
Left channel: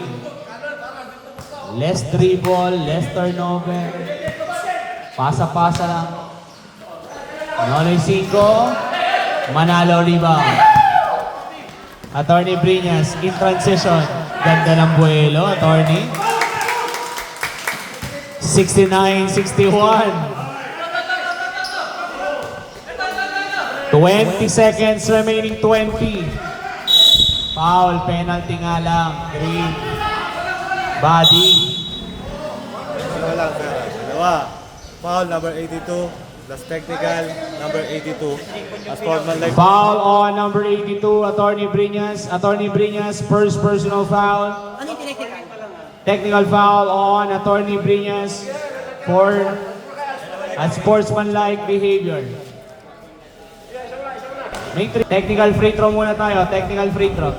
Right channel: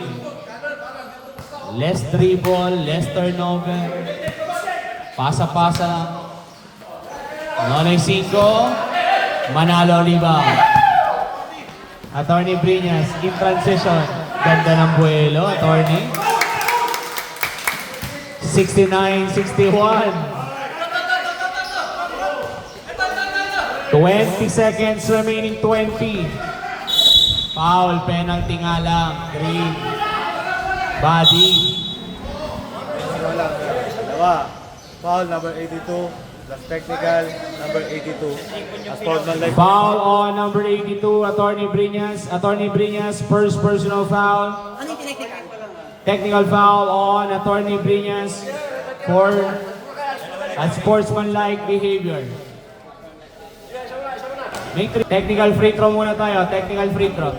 Less dribble, less turnover. Pasa-pasa lang. Nonoy 5. Manalo rebound. Attorney Briñas in transition. Ganda ng buwelo, Attorney. 69-61. 20 seconds remaining, 20. Foul, penalty nga lang. Green. Body. Foul number 82. Plus technical number 82. As foul like Foul on number 82, Attorney Briñas. Attorney Briñas, first personal foul. Technical foul on Attorney Briñas for unsportsmanlike behavior. Technical free throw muna tayo. Technical free throw.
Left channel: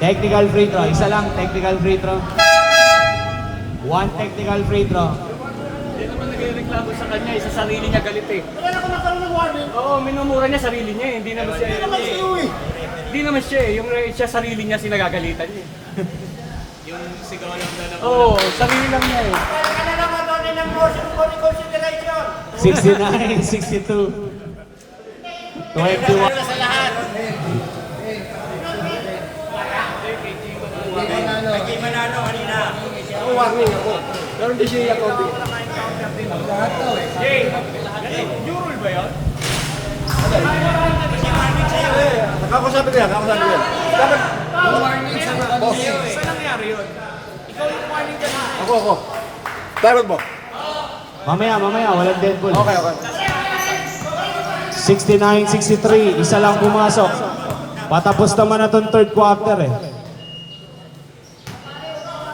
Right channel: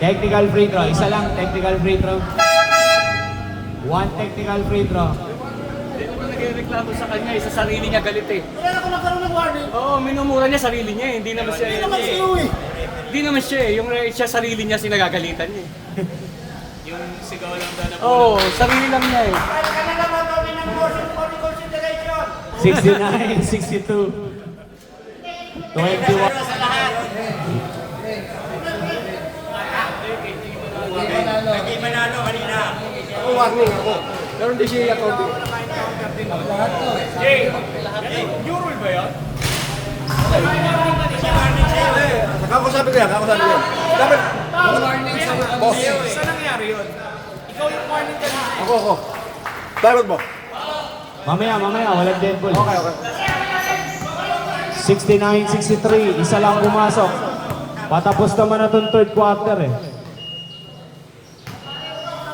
Technical free throw. Isa lang. Technical free throw. One technical free throw. Hindi naman nagreklamo sa kanya, sa sarili niya galit eh. Kaya ako nagkaroon ng warning. Oo, minumura niya sarili niya eh. Hindi naman siya Hindi naman siya eh. Yung siya sarili niya sinagagalitan niya eh. Yung sigaw niya na Oo, sarili lang niya eh. 69-62. 21. Naging manalo kanina. Ako warning ako. Pero hindi siya Kobe. Lahat to eh. Jurul ba yan? Ako sabi ko yan. Yung warning sa'yo kanina. Saan nangyari yun? Ikaw yung warning kanina. Ako. Tarot mo. Mamaya, walang dead ball. Okay. 69-63, isa lang pumasok. Patapos naman na itong third quarter eh.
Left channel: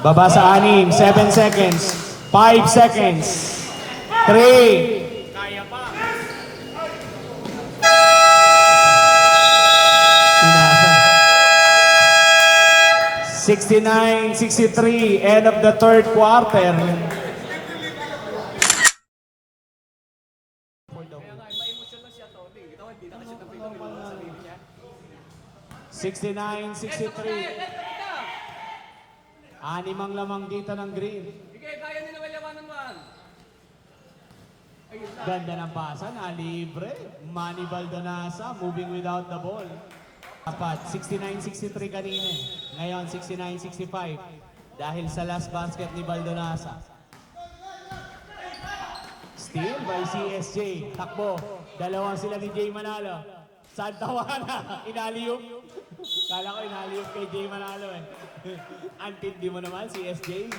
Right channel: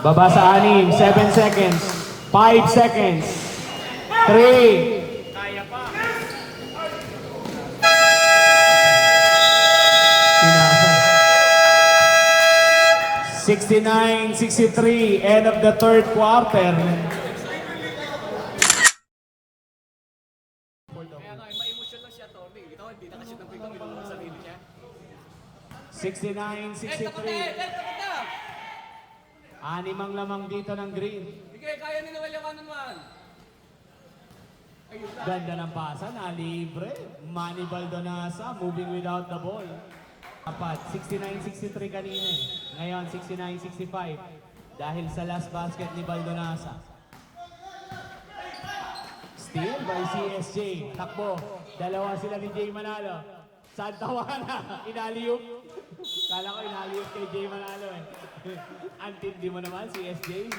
Baba sa 6, 7 seconds, 5 seconds, 3. Pinasa. 69-63, end of the third quarter. 69-63. Animang lamang dito ng green. Sige, kaya nila kalyawanan man. Ganda ng pasa, na libre. Manny Baldonasa moving without the ball. Dapat 69-63 kanina. Ngayon 69-65 dahil sa last basket ni Baldonasa. Steal by CSJ. Takbo. Dalawang sila ni Jay Manalo. Saan tawana? Inaliyok. Kala ko inaliyok kay Jay Manalo eh. Antindi mo naman CSJ.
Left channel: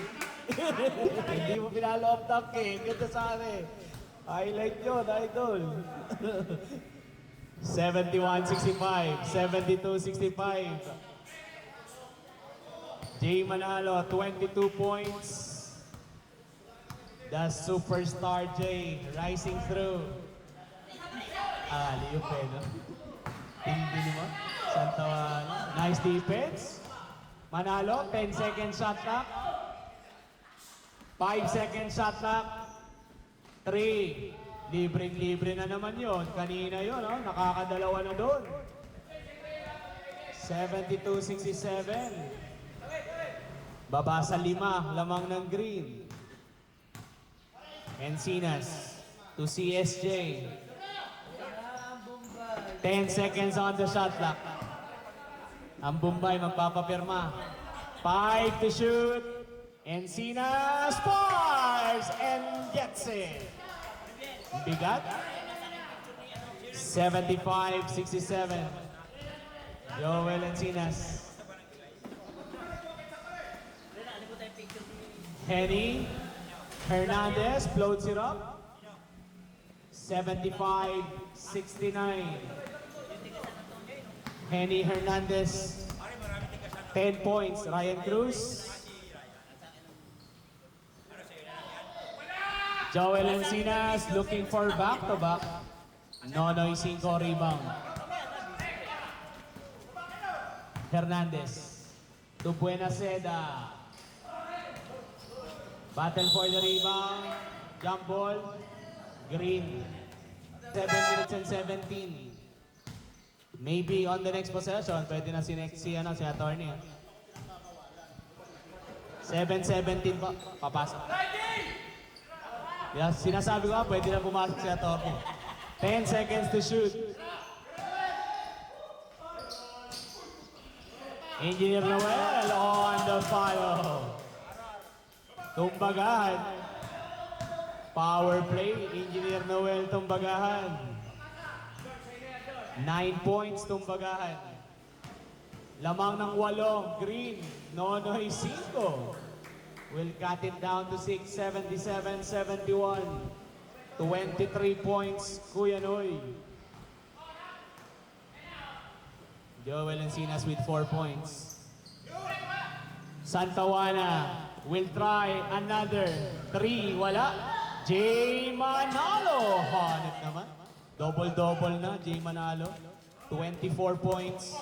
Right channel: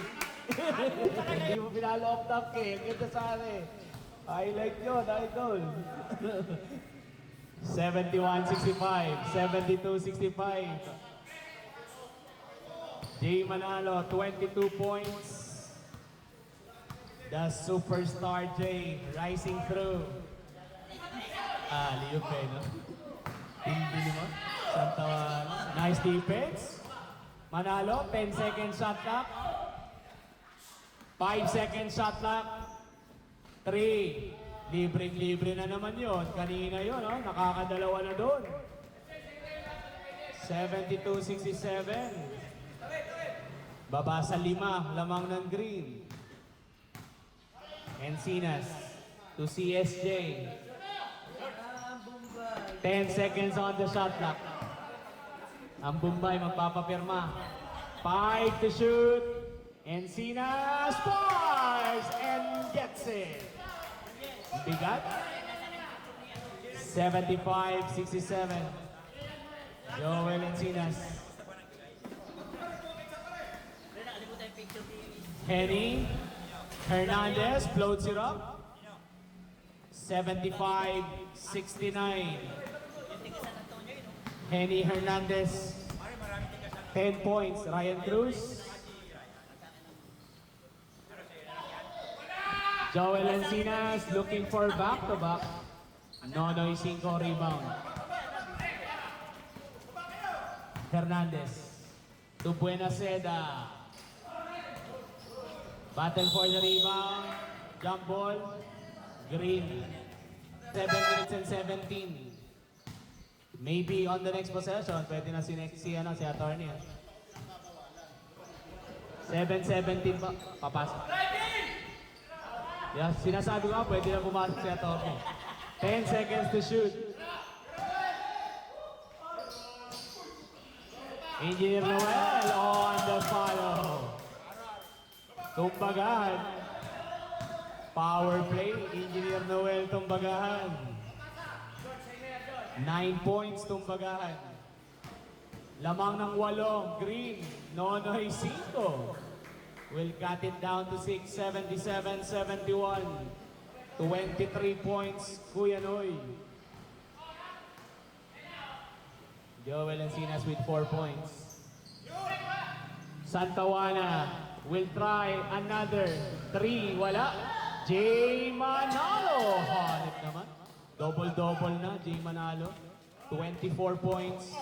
Hindi mo pinalo up top eh. Ganda sana eh. Highlight yun, idol. 71-65, 72-65. Jay Manalo, 22 points. The superstar Jay rising through. Liyok eh, no? Hindi naman. Santawana. Nice defense. Manalo, 10 second shot clock. 5 second shot clock. 3. Libre na naman yon. Kanina yon, oh, nakakadalawa na doon. 72-67. Baba sa 5, lamang ng green. Encinas to CSJ. 10 seconds on the shot clock. Ang Bombay magpapapirma. 5 to shoot. Encinas scores and gets it. Bigat. 75-67. Joel Encinas. Henny Hernandez floats it up. 75-69. Henny Hernandez. 10 points. Ryan Cruz. Joel Encinas looking for back-to-back. Nonoy 5 rebound. Hernandez to Buenaseda. Battle for the rebound. Jump ball. Green. 7 minutes and 17. Maybe on the next possession, pwede na si attorney. 7-17 pa. Papasok. Yeah, sinasabi ko, pwede na pumasok si attorney. 10 seconds to shoot. Engineer Noel on the follow. Tumbagahan. Power play, Engineer Noel tumbagahan. 9 points tumbagahan. Lamang ng 8, Green. Nonoy 5. Will cut it down to 6, 77-71. 23 points, Kuya Noy. Joel Encinas with 4 points. Santa Juana will try another 3. Wala. Jay Manalo. Hanip naman. Double-double na, Jay Manalo. 24 points.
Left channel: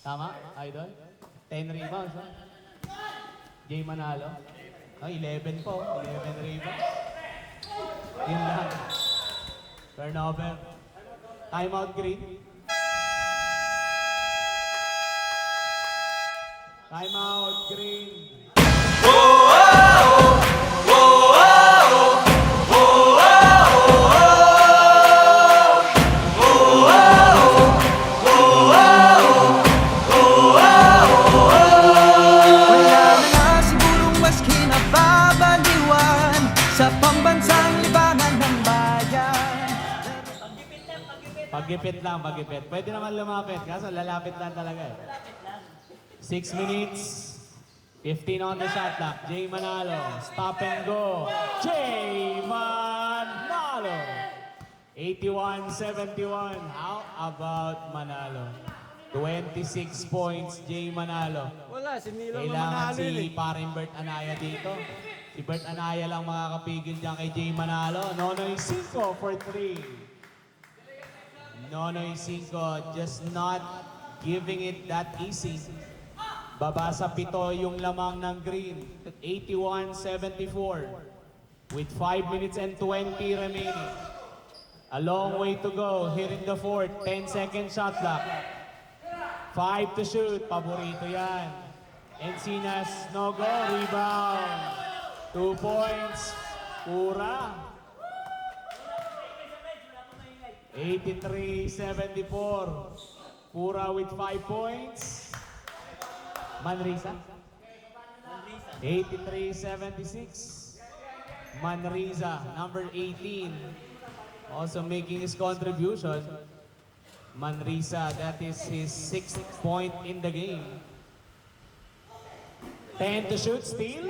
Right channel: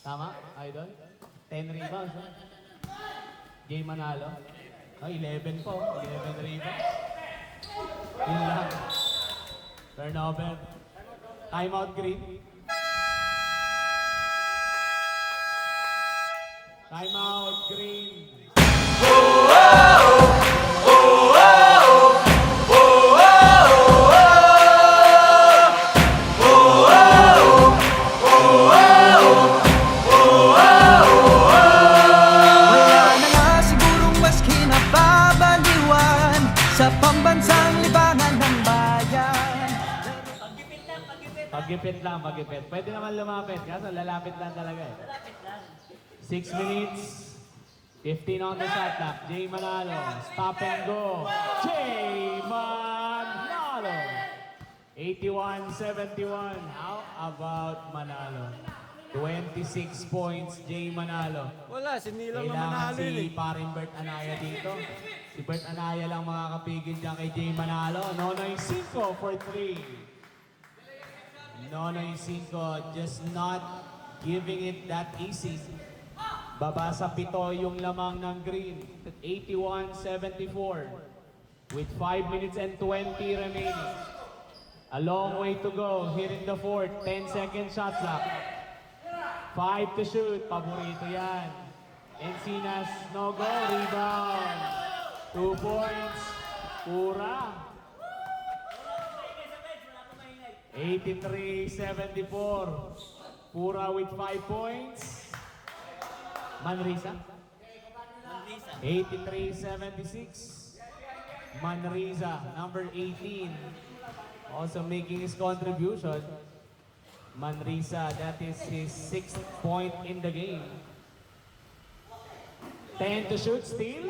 Tama, idol? 10 rebounds, ha? Jay Manalo. 11 po. 11 rebounds. Yun lang. Turnover. Timeout, Green. Timeout, Green. Wala na nga sigurong mas kinababaliwan sa pambansang libangan ng bayan. Pagipit lang, pagipit. Pwede naman lumapit, kaso lalapit lang talaga. 6 minutes, 15 on the shot clock. Jay Manalo, stop and go. Jay Manalo. 81-71. How about Manalo? 26 points, Jay Manalo. Wala, sinilang na Kailangan manalo yun si paring Bert Anaya dito. Si Bert Anaya lang makakapigil dyan kay Jay Manalo. Nonoy 5 for 3. Nonoy 5, just not giving it that easy. Baba sa 7 yung lamang ng Green. 81-74. With 5 minutes and 20 remaining. A long way to go. Hitting the fourth. 10-second shot clock. 5 to shoot. Paborito yan. Encinas, no go. Rebound. 2 points. Pura. 83-74. Pura with 5 points. Manrisa. 83-76. Manrisa, number 18. Also making his contribution. Manrisa, that is his 6th point in the game. 10 to shoot, steal.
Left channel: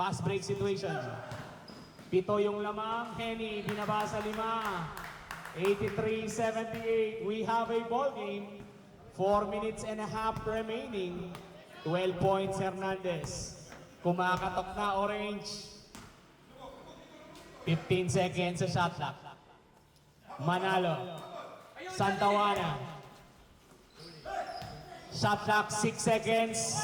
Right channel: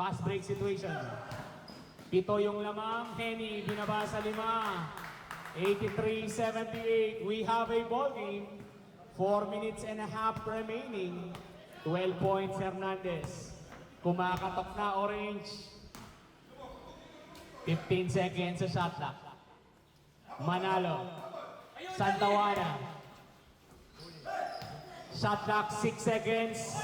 Fast break situation. 7 yung lamang. Henny, binaba sa 5. 83-78. We have a ball game. 4 minutes and a half remaining. 12 points, Hernandez. Kumakatok na orange. 15 seconds sa shot clock. Manalo. Santa Juana. Shot clock 6 seconds.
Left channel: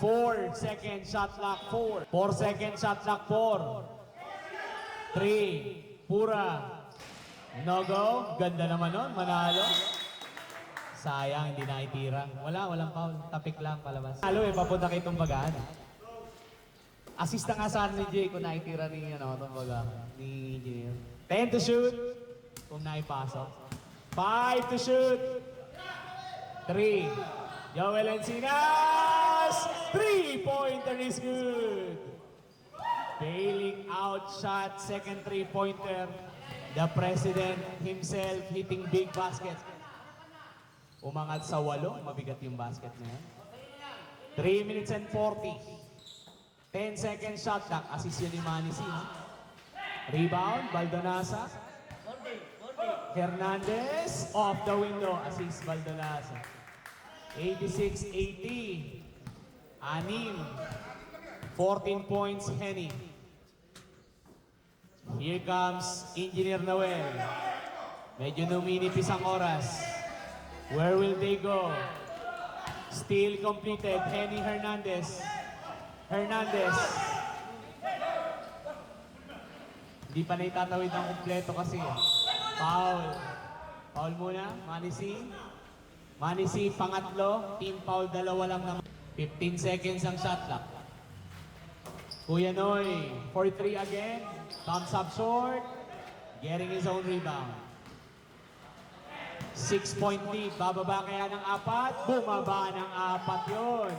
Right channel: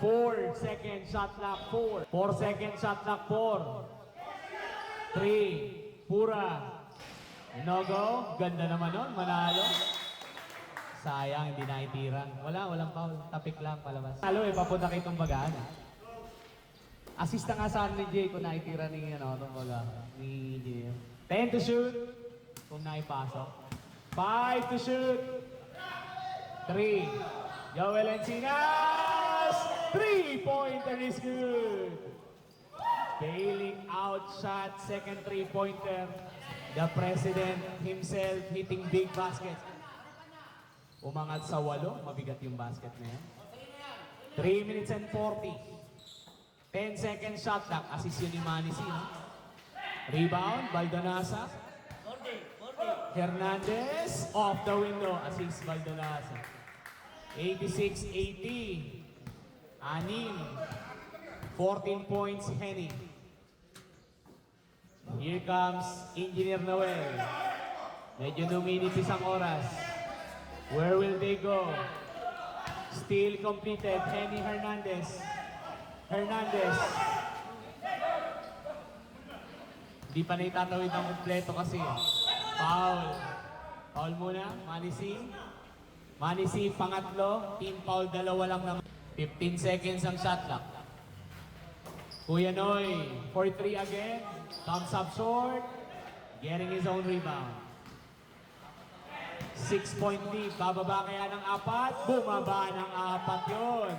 4 seconds shot clock 4. 4 seconds shot clock 4. 3. Pura. No go. Ganda naman nun. Manalo. Sayang, hindi naitira. Walang foul. Tapik lang palabas. Halo papunta kay Tumbagaan. Assist na nga saan ni Jay kung naitira ni, Tumbaga. Ni Jay. 10 to shoot. Kung naipasok. 5 to shoot. 3. Joel Encinas. 3-pointer is good. Bailing out shot. Second 3-pointer. The president himself hitting big baskets. Umangat sa 8, mabigat yung basket na yan. 3 minutes and 40. 10 seconds shot clock, assist yun ni Manisi. No? Rebound, Baldonasa. Hernandez, off the window, assist Baldonasa. 86-80. Anim. 14 points, Henny. Here comes Engineer Noel. Medyo numinipis ang oras. Where will they go? Still completed. Henny Hernandez. Hernandez. Hindi pa na itatawid ng kumpleto kasi. Foul. Foul muna. Manisi. Manisi, pangatlo. Team foul, 2 lang naman. 15 seconds ang shot clock. Kuya Noy, for 3 again. Thumbs up short. Getting his own rebound. 6-point lead. Bababa kaya ng 4. Bumaba ng 4 yun.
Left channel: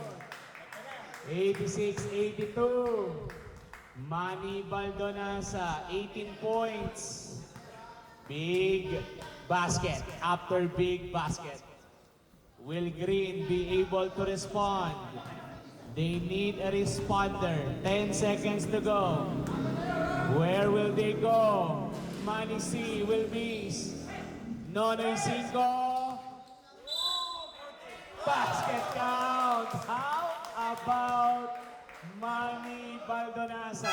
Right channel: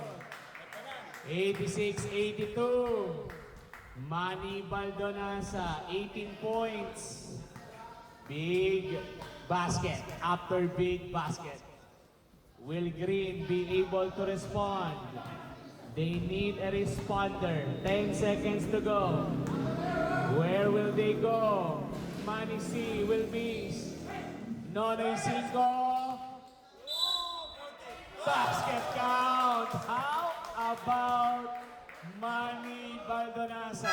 86-82. Manny Baldonasa, 18 points. Big basket after big basket. Will Green be able to respond? They need a responder. 10 seconds to go. Where will they go? Manny C will miss. Nonoy Cinco. Basket count. How about Manny Baldonasa?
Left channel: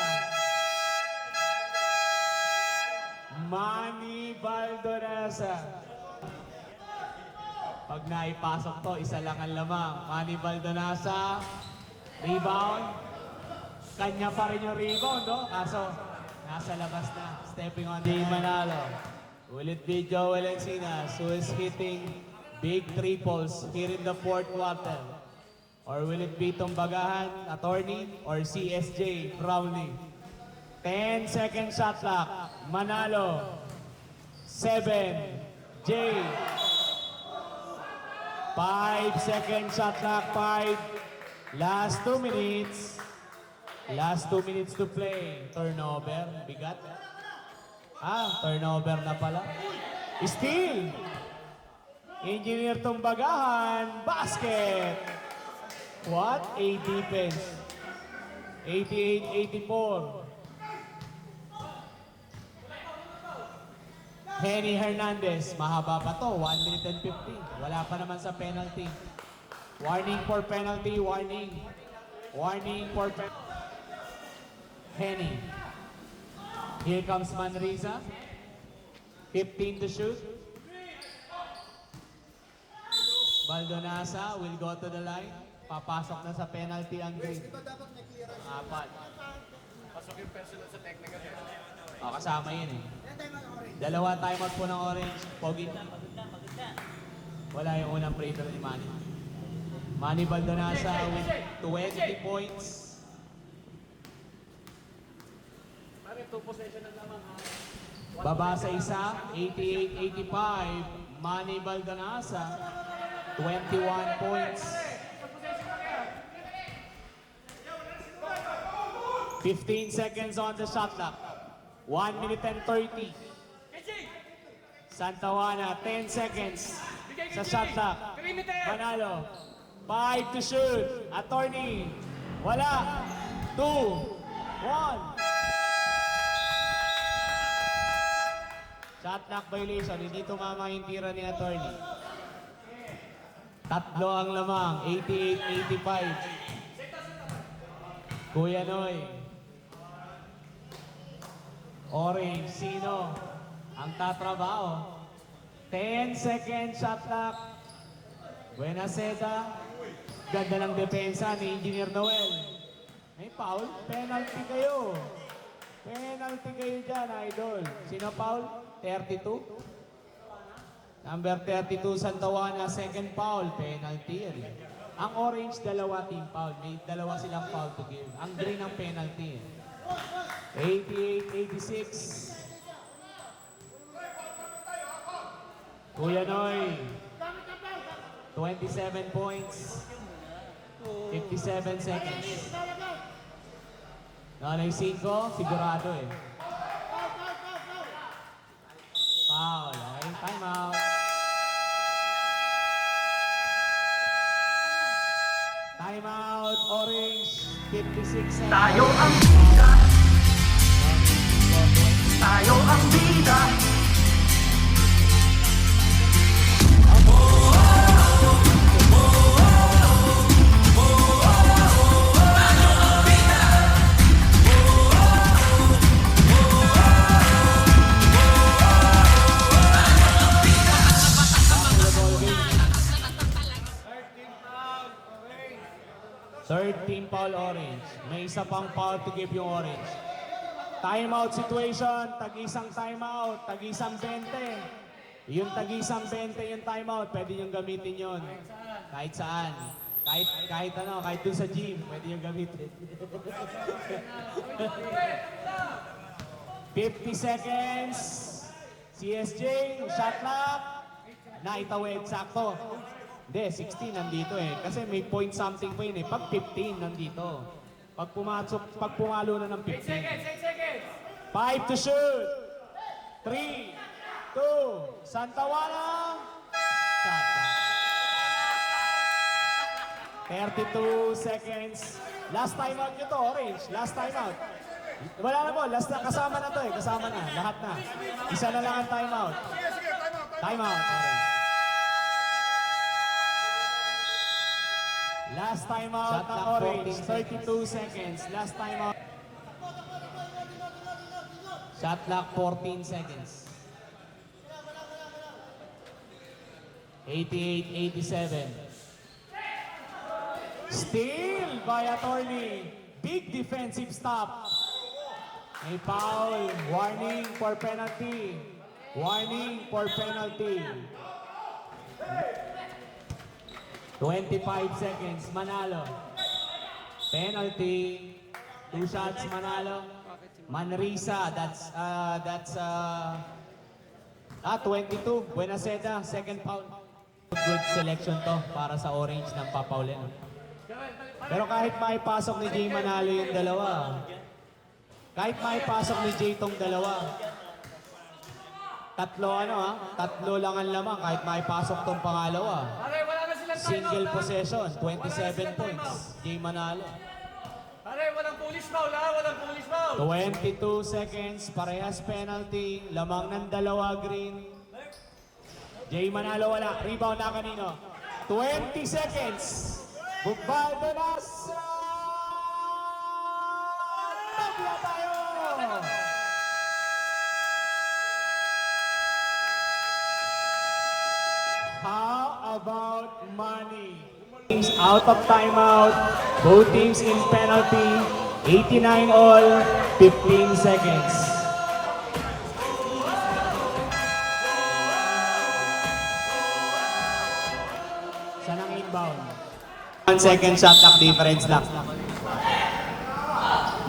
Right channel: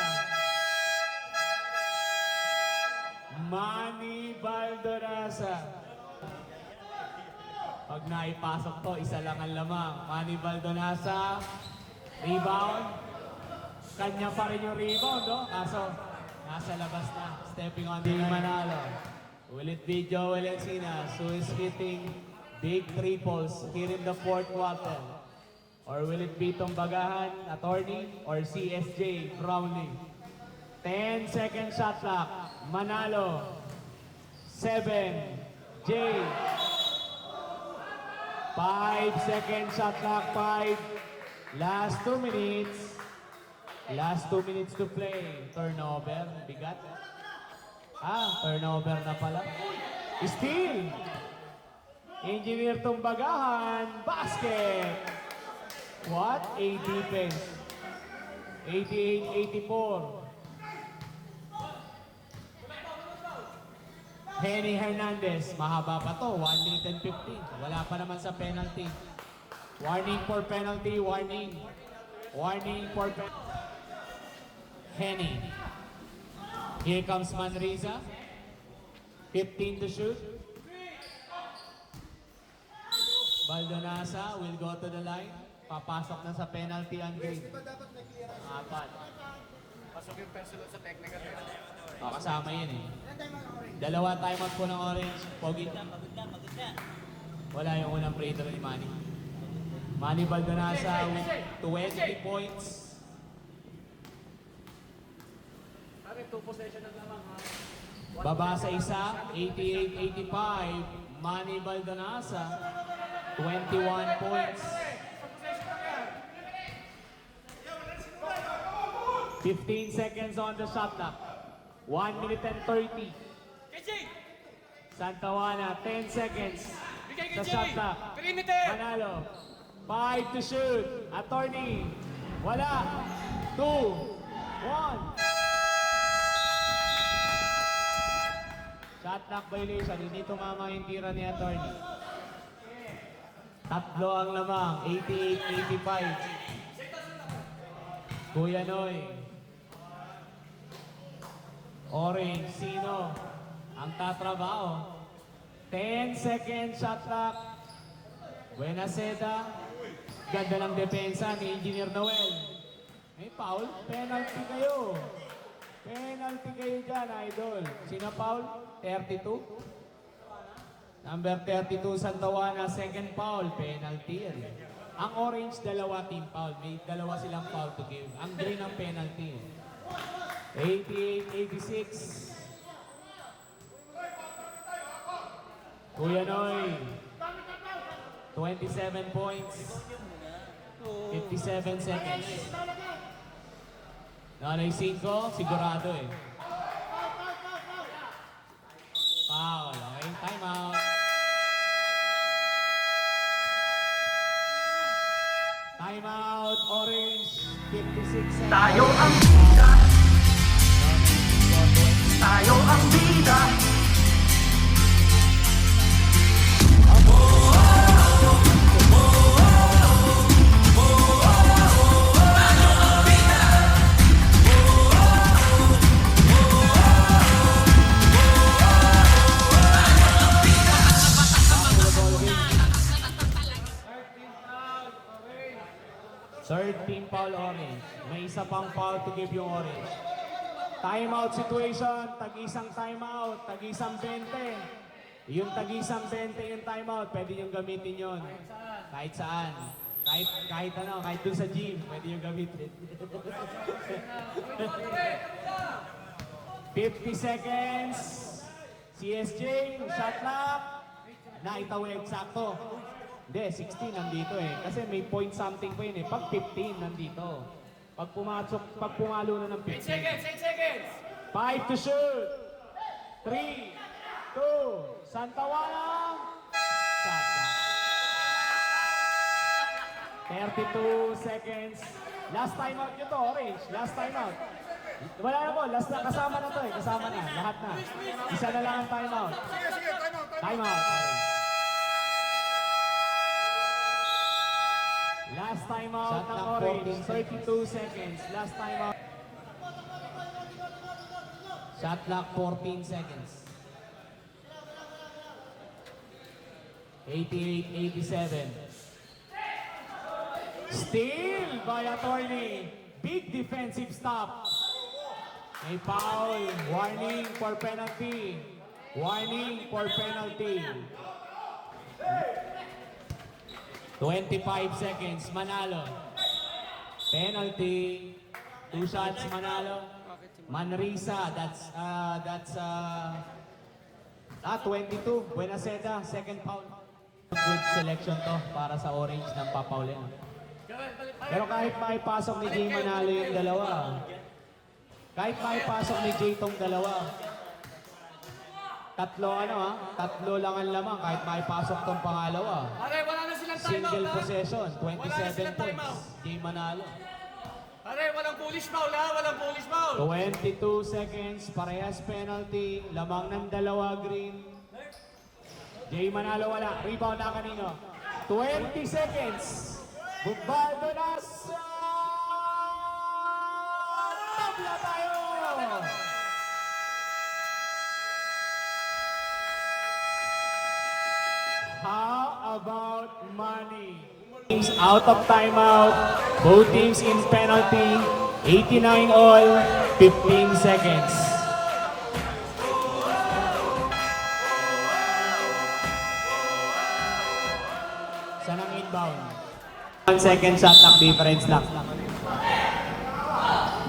Manny Baldonasa. Pag naipasok to, isa lang ang lamang. Manny Baldonasa. Rebound. Kanya pa rin yung rebound, no? Kaso, nasa labas na. Stepping on the Manalo. Will it be Joel Encinas who is hitting big triples here in the fourth quarter? Or will it be Tumbagahan, Attorney, or CSJ, Browning? 10 second shot clock. Manalo. 7. J. 5 second shot clock. 5. Last 2 minutes. Last 2 minutes to play. Turnover. Bigat. Turnover na pala. Steal. Engineer Tumbagahan. Basket. What a defense. 88-84. Henny Hernandez. Mahaba pa to. 1 minute and 15. Wala pa naman sa penalty. Warning for penalty. Warning. Warning for penalty. Henny. Here comes Manriza. 15 to shoot. Baldonasa will go to the line. Papasok na sa penalty ang Green. Apat. Pasok yung personal sa technical. Kasama yun eh. Dalawa timeout po ng Orange. Pogi. Wala yung unang free throw ni Manny. Manny Baldonasa with 20 points. Pare, 2 possession lang naman ha. Baba sa isa, 88-85. Manny Baldonasa, 21 points. 15 seconds on the shot clock. 1 minute and 30. Santa Juana, 10 seconds sa shot clock. Manalo, 5 to shoot. Attorney, wala. 2, 1. Shot clock violation, hindi tumama yung tira ni Attorney. Tatlo ang lamang, 88-85. Kuya Noy. Orange, sino ang tatrabaho? 10 second shot clock. Buenaseda. Ganda ng depensa ni Engineer Noel. May foul, penalty kayo. Penalty kayo dyan, idol. Sino foul? 32? Number 32, Santa Juana, second foul, penalty. Ang Orange, dalawa team foul. May dalawa silang foul to give. Ang Green ang penalty. 88-86. Kuya Noy, 27 points, 57 seconds. Nanay 5, sigurado eh. Foul, okay, time out. Time out, Orange, 56 seconds. Tayo ang bida. Tayo ang bida. Team foul Orange. May isa pang foul to give yung Orange. Timeout situation, tag-isang timeout, tag-isang 20. Yung tag-isang 20 yung timeout, pwede yung gamitin yun. Kahit saan. Kahit ano, kahit dun sa gym, pwede yung gamitin. 50 seconds. CSJ, shot clock. Naitawid, sakto. Hindi, 16 nandito eh. Kasi may point something po yun eh. Pag 15 nandito. Pag pumalo na ng 15. 8 seconds! 5 to shoot. 3, 2, 2. Santawana. Shot clock. 32 seconds. Last timeout nyo to, Orange. Last timeout. Wala na po. Last na. Kasama na to eh. Kasama na. Lahat na. Isa na lang ang timeout. Sige, timeout. Timeout. Last timeout Shot ng clock, Orange. 14 32 seconds. Last timeout. Shot clock 14 seconds. 88-87. Steal by attorney. Big defensive stop. May foul. Warning for penalty. Warning for penalty. 25 seconds. Manalo. Penalty. 2 shots Manalo. Manrisa. That's 22. Buenaseda. Second foul. Good selection to para sa Orange ng papaulin. Pero kahit maipasok ni Jay Manalo yung dalawa, kahit maipasok ni Jay tong dalawa, tatlo lang ang lamang kahit maipasok tong pangalawa. Pare, wala na silang timeout. Single ha? possession, 27 Wala na silang points, timeout. Jay Manalo. Pare, walang police foul ha? Walang police foul. 22 seconds, parehas penalty, lamang ng dalawa green. Jay Manalo wala, rebound na kanino. 20 seconds. Goodbye, Benasa! Tabla tayo! How about money? Teams out of timeout. Both teams in penalty. 89 all, 15 seconds. Saan ang inbound? 1 second shot clock difference lang.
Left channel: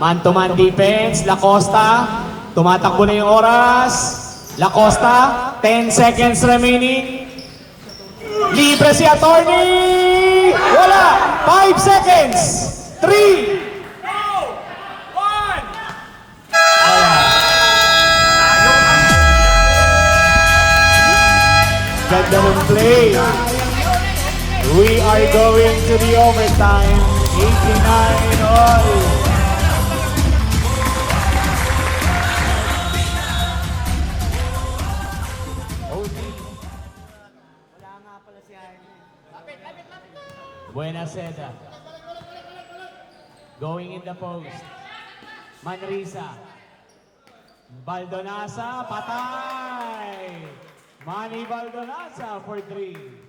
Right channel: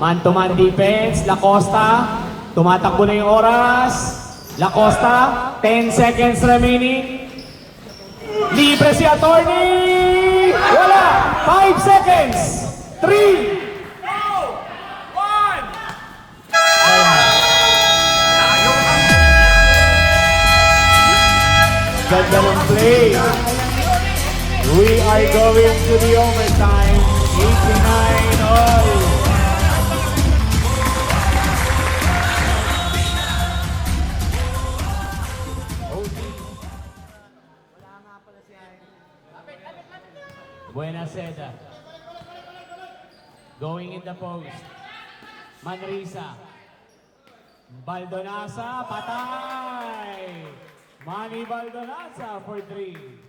Man-to-man defense, Lacosta. Tumatakbo na yung oras. Lacosta, 10 seconds remaining. Libre si attorney! Wala! 5 seconds! 3! Ganda ng play. We are going to the overtime. 89 all. Buenaseda. Going in the post. Manrisa. Baldonasa, patay! Manny Baldonasa for 3.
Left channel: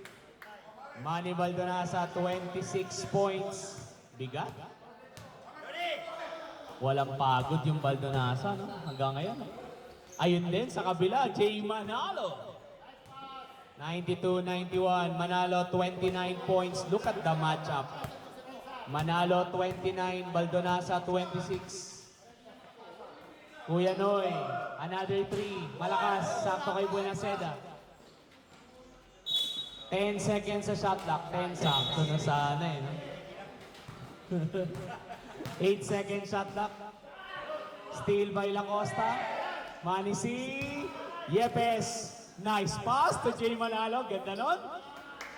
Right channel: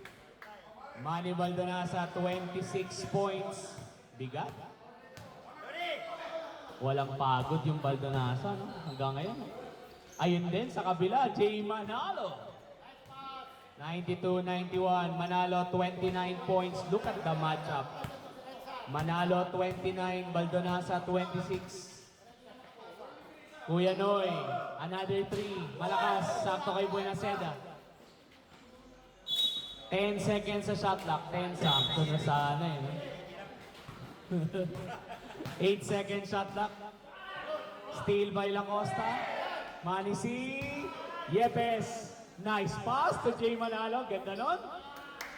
Manny Baldonasa, 26 points. Bigat. Walang pagod yung Baldonasa, no? Hanggang ngayon. Ayun din sa kabila, Jay Manalo. 92-91. Manalo, 29 points. Look at the matchup. Manalo, 29. Baldonasa, 26. Kuya Noy, another 3. Malakas, sakto kay Buenaseda. 10 seconds sa shot clock. 10, sakto na sana eh. No? 8 seconds shot clock. Steal by Lacosta. Manisi. Yepes. Nice pass to Jay Manalo. Ganda nun.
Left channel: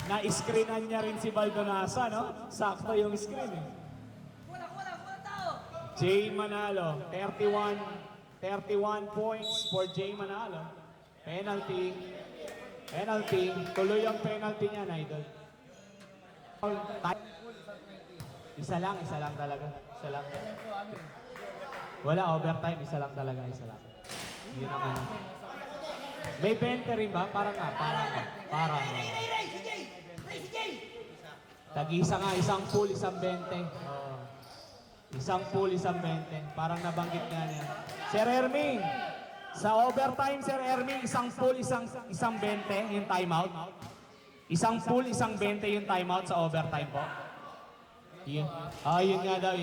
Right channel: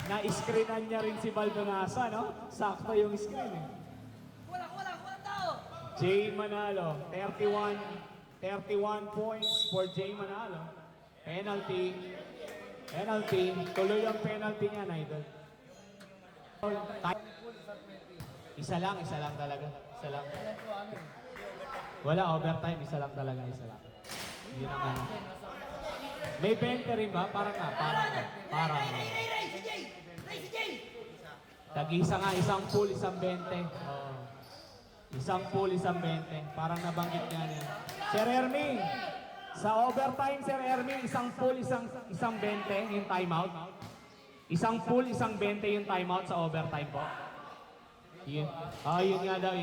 Na-screenan niya rin si Baldonasa, no? Sakto yung screen eh. Jay Manalo, 31 points for Jay Manalo. Penalty. Tuloy ang penalty niya, Idol. Isa lang talaga. Isa lang. Wala overtime, isa lang talaga. Yun ang ano. May 20 rin ba? Parang. Tag-isa nga, isang pool, isang 20. Oh. Isang pool, isang 20. Parang nabanggit nga niya. Sir Ermi, sa overtime, Sir Ermi, isang pool, isang 20 yung timeout. Isang pool, isang 20 yung timeout sa overtime po. Yun. Yun nga daw.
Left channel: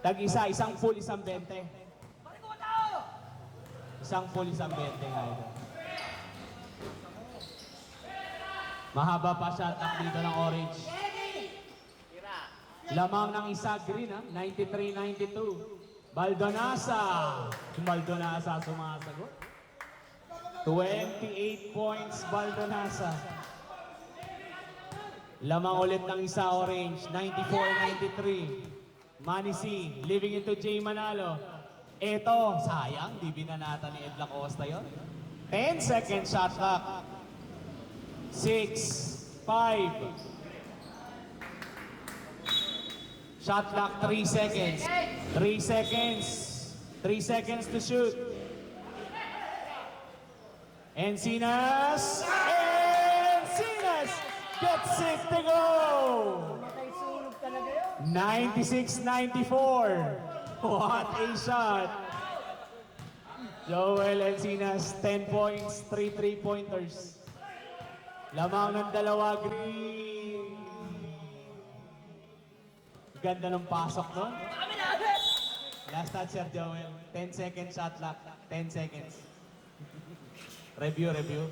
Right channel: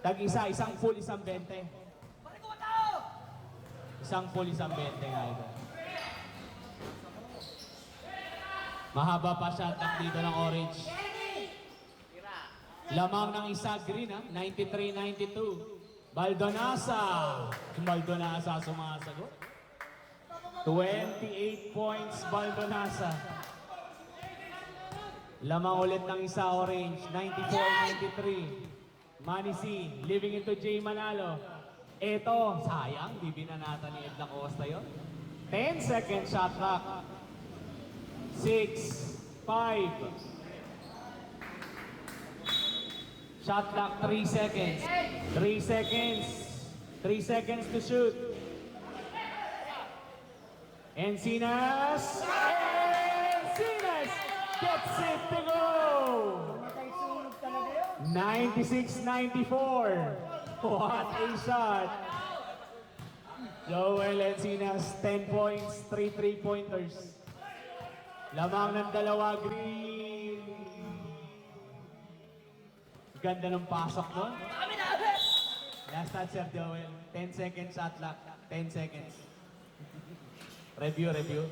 Tag-isa, isang pool, isang 20. Isang pool, isang 20 nga ito. Mahaba pa shot clock dito ng Orange. Lamang ng isa green ha, 93-92. Baldonasa. Baldonasa sumasagot. 28 points, Baldonasa. Lamang ulit ng isa, orange. 94-93. Manny C. Living into J. Manalo. Eto, sayang, di binanata ni Ed Lacosta yun. 10 seconds shot clock. 6, 5. Shot clock, 3 seconds. 3 seconds. 3 seconds to shoot. Encinas! Encinas gets it to go! 96-94. What a shot! Joel Encinas, 10 points, 3 3-pointers. Lamang ng dalawa, Green. Ganda ng pasok nun. Last touch, Sir Joel. 10 seconds shot clock. 10 seconds. Review, idol.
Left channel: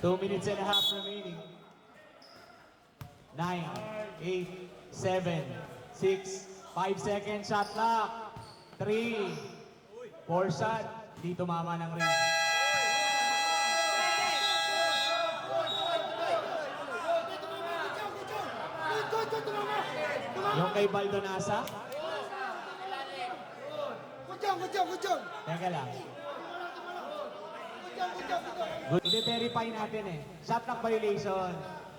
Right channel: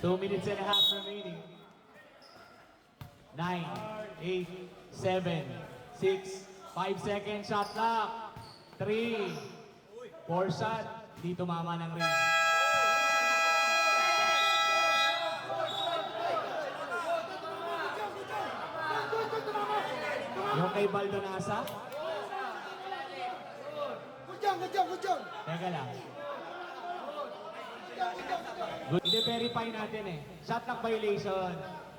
2 minutes and a half remaining. 9, 8, 7, 6, 5 seconds shot clock. 3, 4 shot. Di tumama ng ring. Yung kay Baldonasa? Kudyong. Teka lang. Good. I-verify natin eh. Shot clock violation.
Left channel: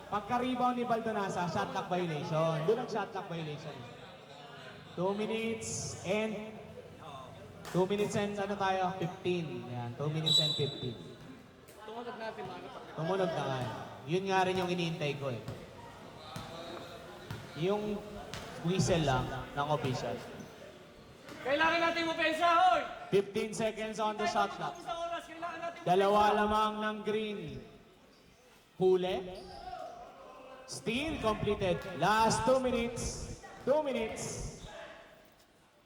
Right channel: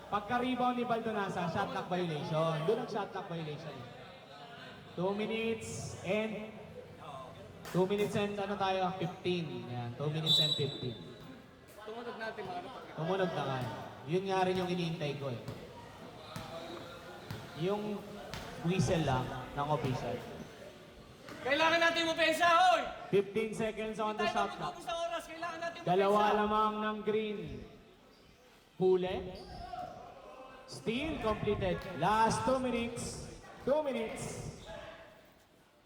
Pagka-rebound ni Baldonasa, shot clock violation. Doon ang shot clock violation. 2 minutes and 15. Yan, 2 minutes and 15. Tumunog natin mga kapatid. Tumunog na nga. Yun nga rin yung iniintay ko eh. Yung whistle lang ng official. Kailangan natin umpensa, hoy! 15 seconds on the shot clock. Sa oras, kailangan natin Dalawa lamang ng green. Huli. Steal completed. Last 2 minutes. 2 minutes.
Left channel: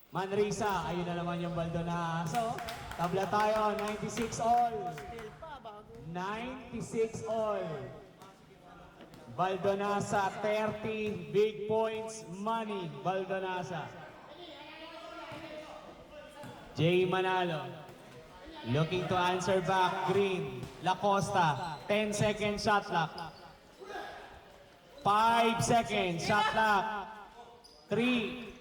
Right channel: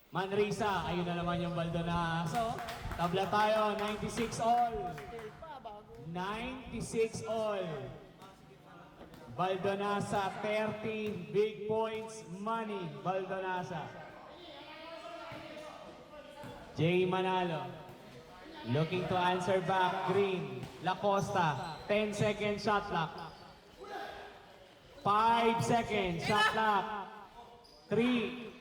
Manrisa. Ayun na naman yung Baldonasa. Tabla tayo. 96 all. 96 all. Baldonasa 30. Big points. Money. Baldonasa. Jay Manalo. Looking to answer back. Green. Lacosta. 10 seconds shot clock. 5 seconds shot clock. 3.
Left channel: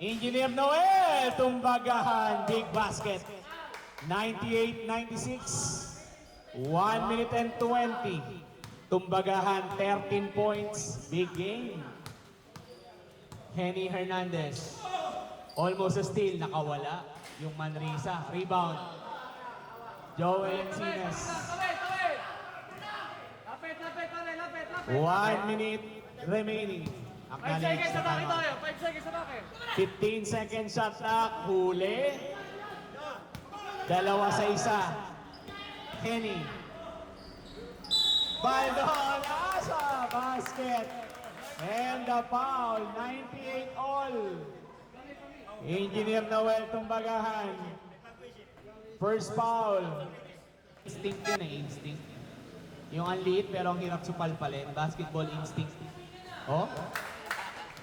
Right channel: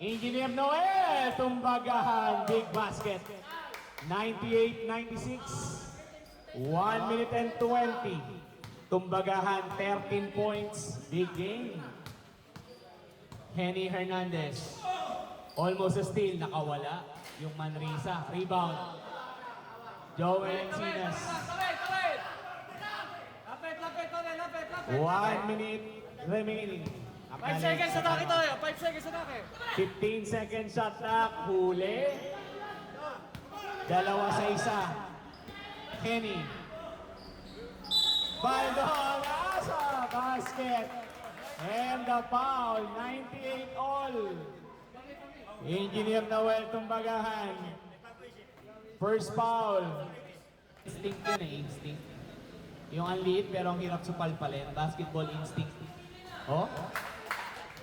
Engineer Noel. Tumbagahan. Big basket. 98-96. 1 minute and 20. Tumbagahan. 13 points. Big game. Henny Hernandez. Almost a steal. Nakawala. Yung Manrisa. Rebound. Joel Encinas. Lapit. 1 minute remaining. 5 seconds sa taki tayo. 5 seconds sa taki. 15 seconds shot clock. Huli. Dalawa sa isa. Henny. Baldonasa. Basket. And the foul. 98 all. Engineer Noel Tumbagahan. First foul. Instinct yun eh, instinct. Yung ang liit pero ang hirap supalpalin. Basketball instinct. Oh?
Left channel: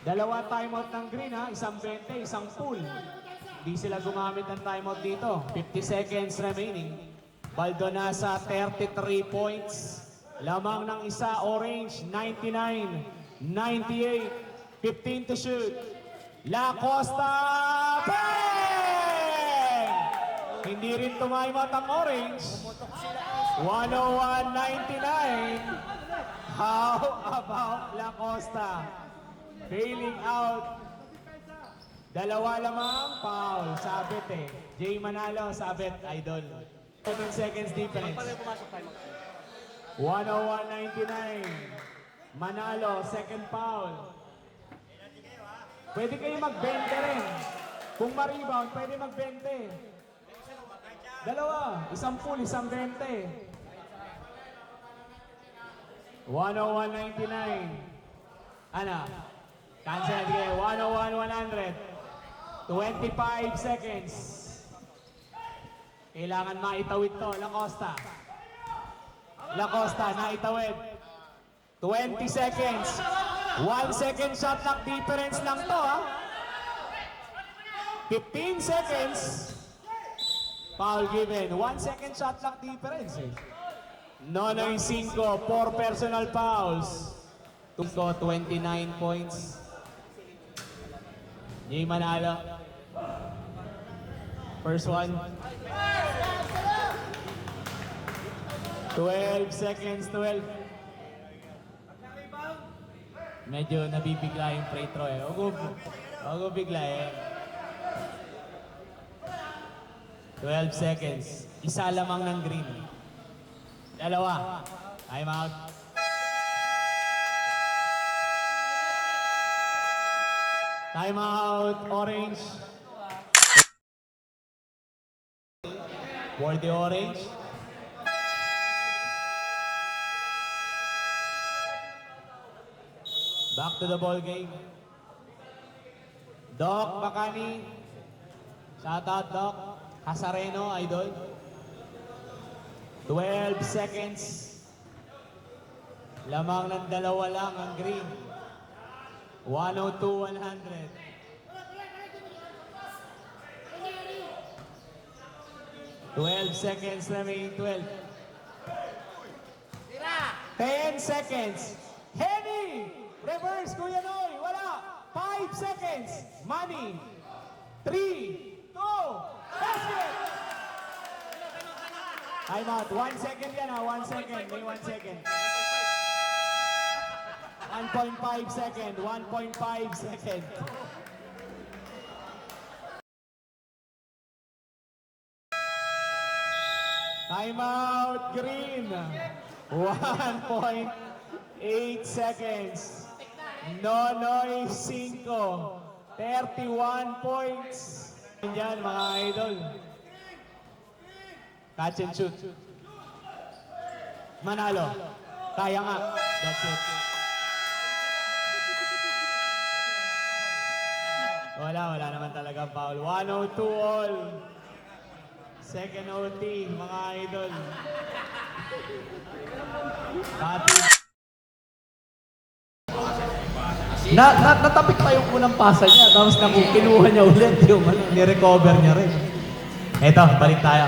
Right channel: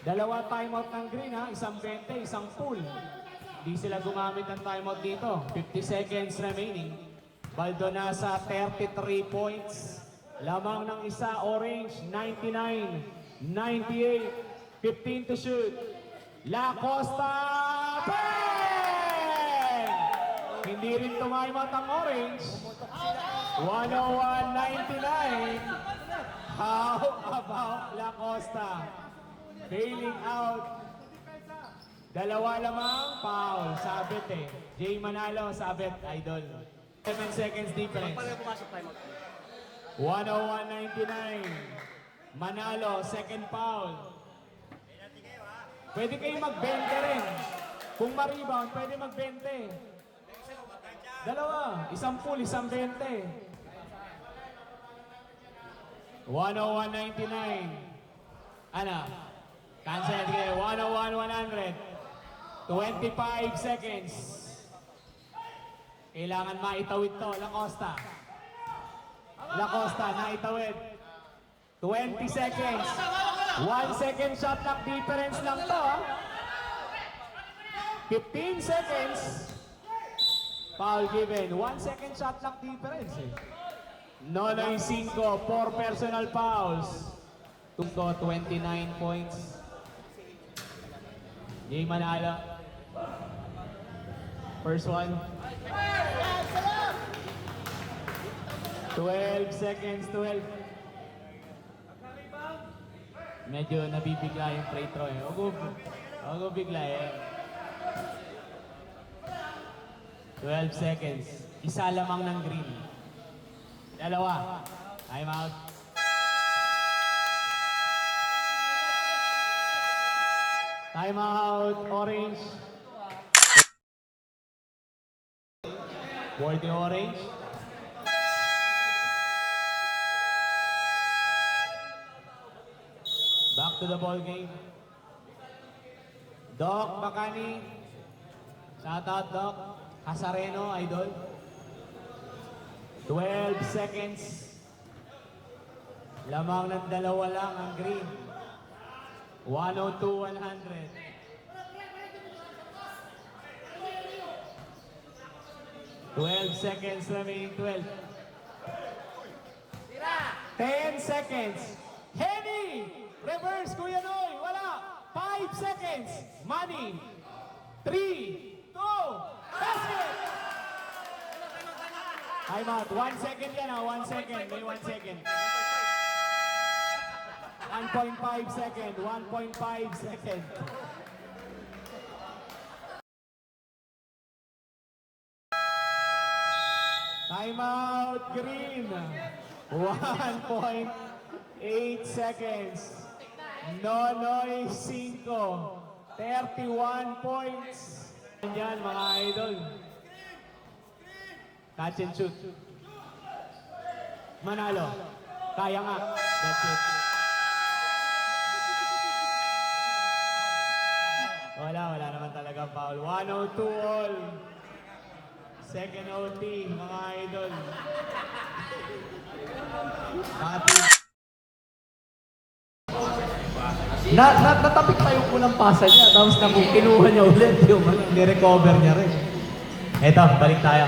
Dalawa timeout ng green ha. Isang 20, isang full. Di sila gumamit ng timeout dito. 50 seconds remaining. Baldonasa 33 points. Lamang ng isa, orange 99, 98, 15 to shoot. Lacosta! Bang! Hindi rin tumaymot ang orange. 101-99. How about Lacosta? Bailing out. Dalawa lamang, foul. Sabit eh. Jay Manalo, sabit, idol. 7 seconds difference. Pag pumasok tayo. 101-99. Manalo, second foul. Pwede kayo mag-20 rin. Kung ma-rebound, pwede mag-20. Dalawa, isang full, isang 20. 101-99. Ano? Cancel natin. 101-100. 25 seconds. Kailangan maitawid to. Lacosta. Lacosta, naitawid. 20 seconds. 1 second shot clock difference lang to, ha? 15 seconds. Foul given. 1 second shot clock difference eh. Nonoy 5, 4 personal fouls. Tuko 29 points. Jay Manalo. First one. 12 seconds, 12. Medyo nabibigla yung free throw eh. Huwag mo bigla eh. 12 seconds. Isa lamang ng green. Dalawa. Time out. Time out, orange. For the orange. Back to the ball game. Doc Bacani. Shout out Doc. Casareno, idol. 12 seconds. Lamang ng dalawa lang ang green. 102-100. Twelve seconds remaining, 12. 10 seconds. Heavy! Reverse, Kuya Noy. Wala. 5 seconds. Money. 3, 2, basket! Time out. 1 second yan 1 second. May 1 second. 1.5 second. 1.5 second. Time out, green. 1.8 seconds. Nonoy 5. 31 points. Yan mga idol. Catch and shoot. Manalo. Kaya nga. That's it. Wala naman talaga foul. 102 all. Second OT, mga idol. Natapik kayo po ng pasa niya. Tapos kinuha niya ulit yung ni-recover niya rin. Eto, balik tayo.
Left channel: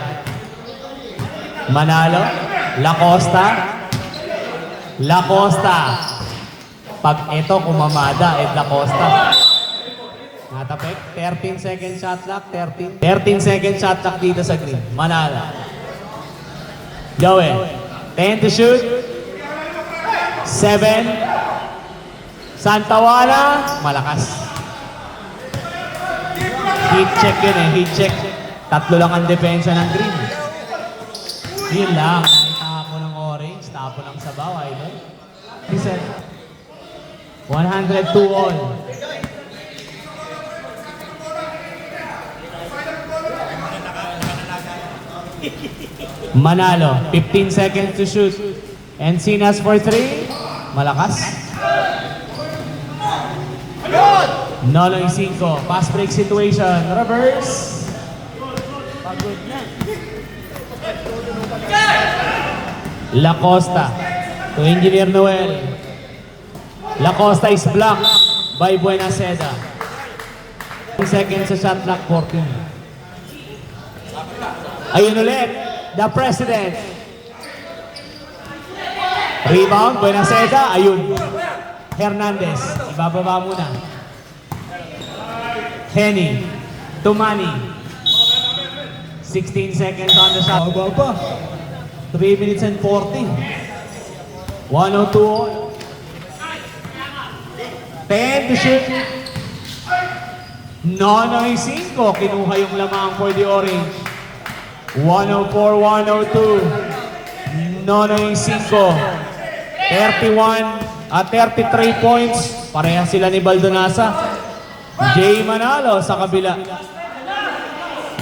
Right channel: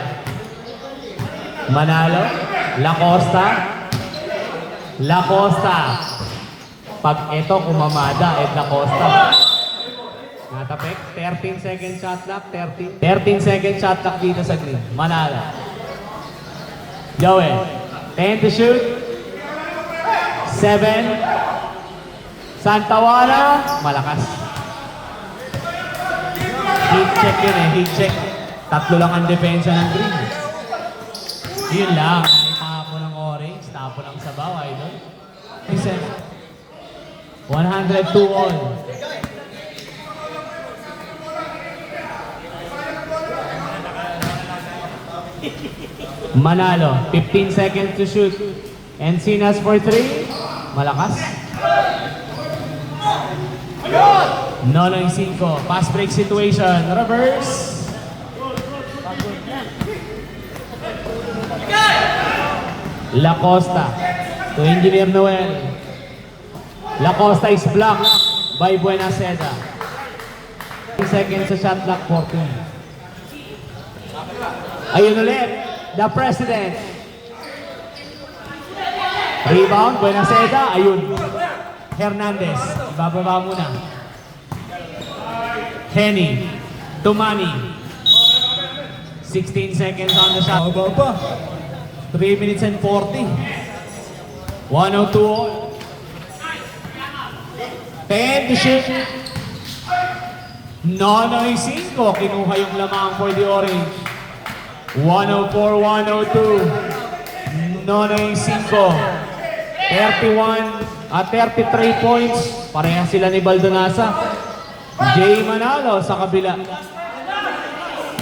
Manalo. Lacosta. Lacosta. Pag ito kumamada, Lacosta. Natapik. 13 second shot clock. 13 second shot clock dito sa green. Manalo. Joey. 10 to shoot. 7. Santawala, malakas. Heat check yun eh, heat check. Tatlo lang ang depensa ng green. Yun lang, tapo ng orange, tapo ng sabaw, idol. 102 all. Manalo, 15 seconds to shoot. Encinas for 3, malakas. Nonoy 5. Fast break situation. Reverse. Lacosta to Engineer Noel. Lacosta is blocked by Buenaseda. 10 seconds sa shot clock, 14. Ayun ulit. The President. Rebound. Buenaseda. Ayun. Hernandez. Ibababa muna. Henny, Tumani, 16 seconds on the shot. 3 minutes and 40. 102 all. 10 to shoot. Nonoy 5. Kinuha yung lamang for the orange. 104-102. Nonoy 5. 33 points. Pareha sila ni Baldonasa. Jay Manalo sa kabila.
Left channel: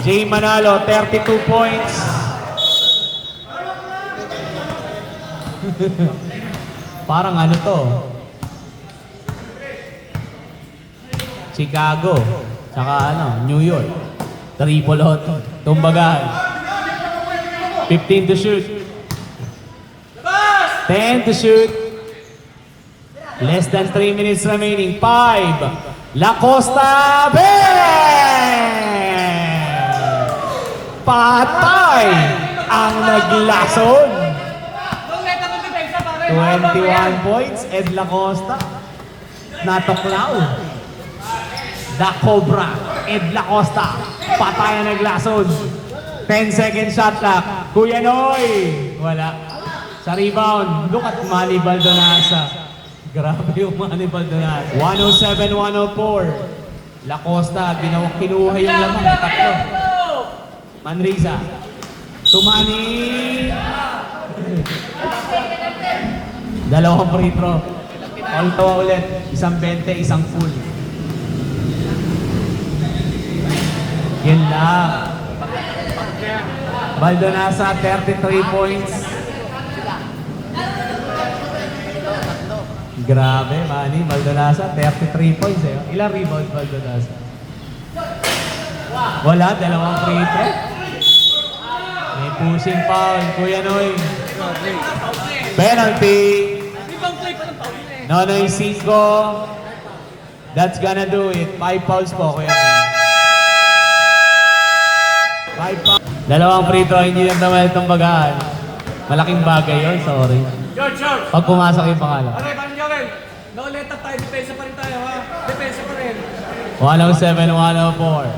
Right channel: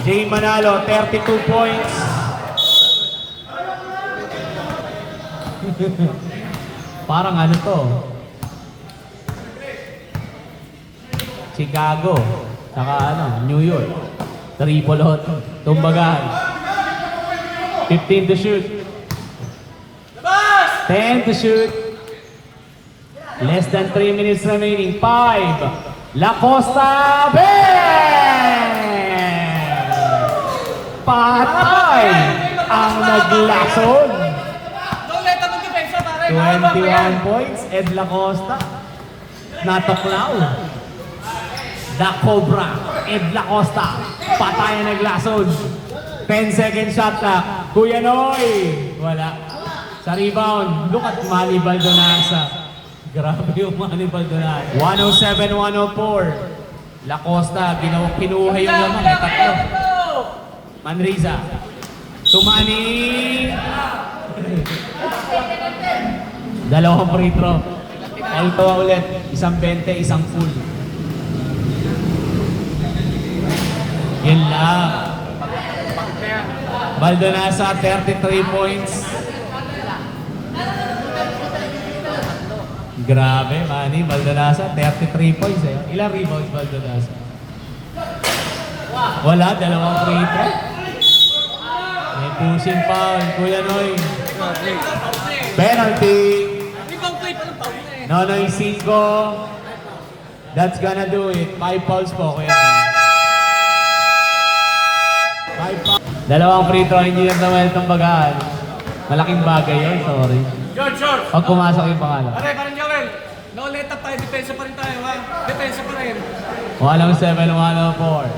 Jay Manalo, 32 points. Parang ano to? Chicago. Saka ano, New York. Triple hot. Tumbagan. 15 to shoot. 10 to shoot. Less than 3 minutes remaining. 5. Lacosta, bang! naglason. Ulit ang depensa, pare. 21 points, Ed Lacosta. Natuklaw. The Cobra, Ed Lacosta. Patayan naglason. 10 second shot clock. Kuya Noy. Wala. Sa rebound, look at Manny Baldonasa. Grabe yung Manny Baldonasa. 107-104. Lacosta, kinuha yung lamang. Tatlo. Manriza. Tumani. Dalawang free throw. All tawa ulit. Isang 20, isang full. Yan lang. Baldonasa, 33 points. Grabe, Manny. Baldonasa, 33 points. Eh. Ilang rebounds, Baldonasa? Wala, dalawang free throw. May pushing foul, Kuya Noy. Penalty. Nonoy 5. That's gonna do it. 5 fouls po, Kuya Noy. 5 fouls. Dalawang free throw, hindi na naman itong bagaan. Malaking bagay yun, sorry. George. Pag pumasok yung pangalan. Pare, parang Joel. No let up tayo. Depensa pa rin tayo, ha? Depensa pa rin. 107-104.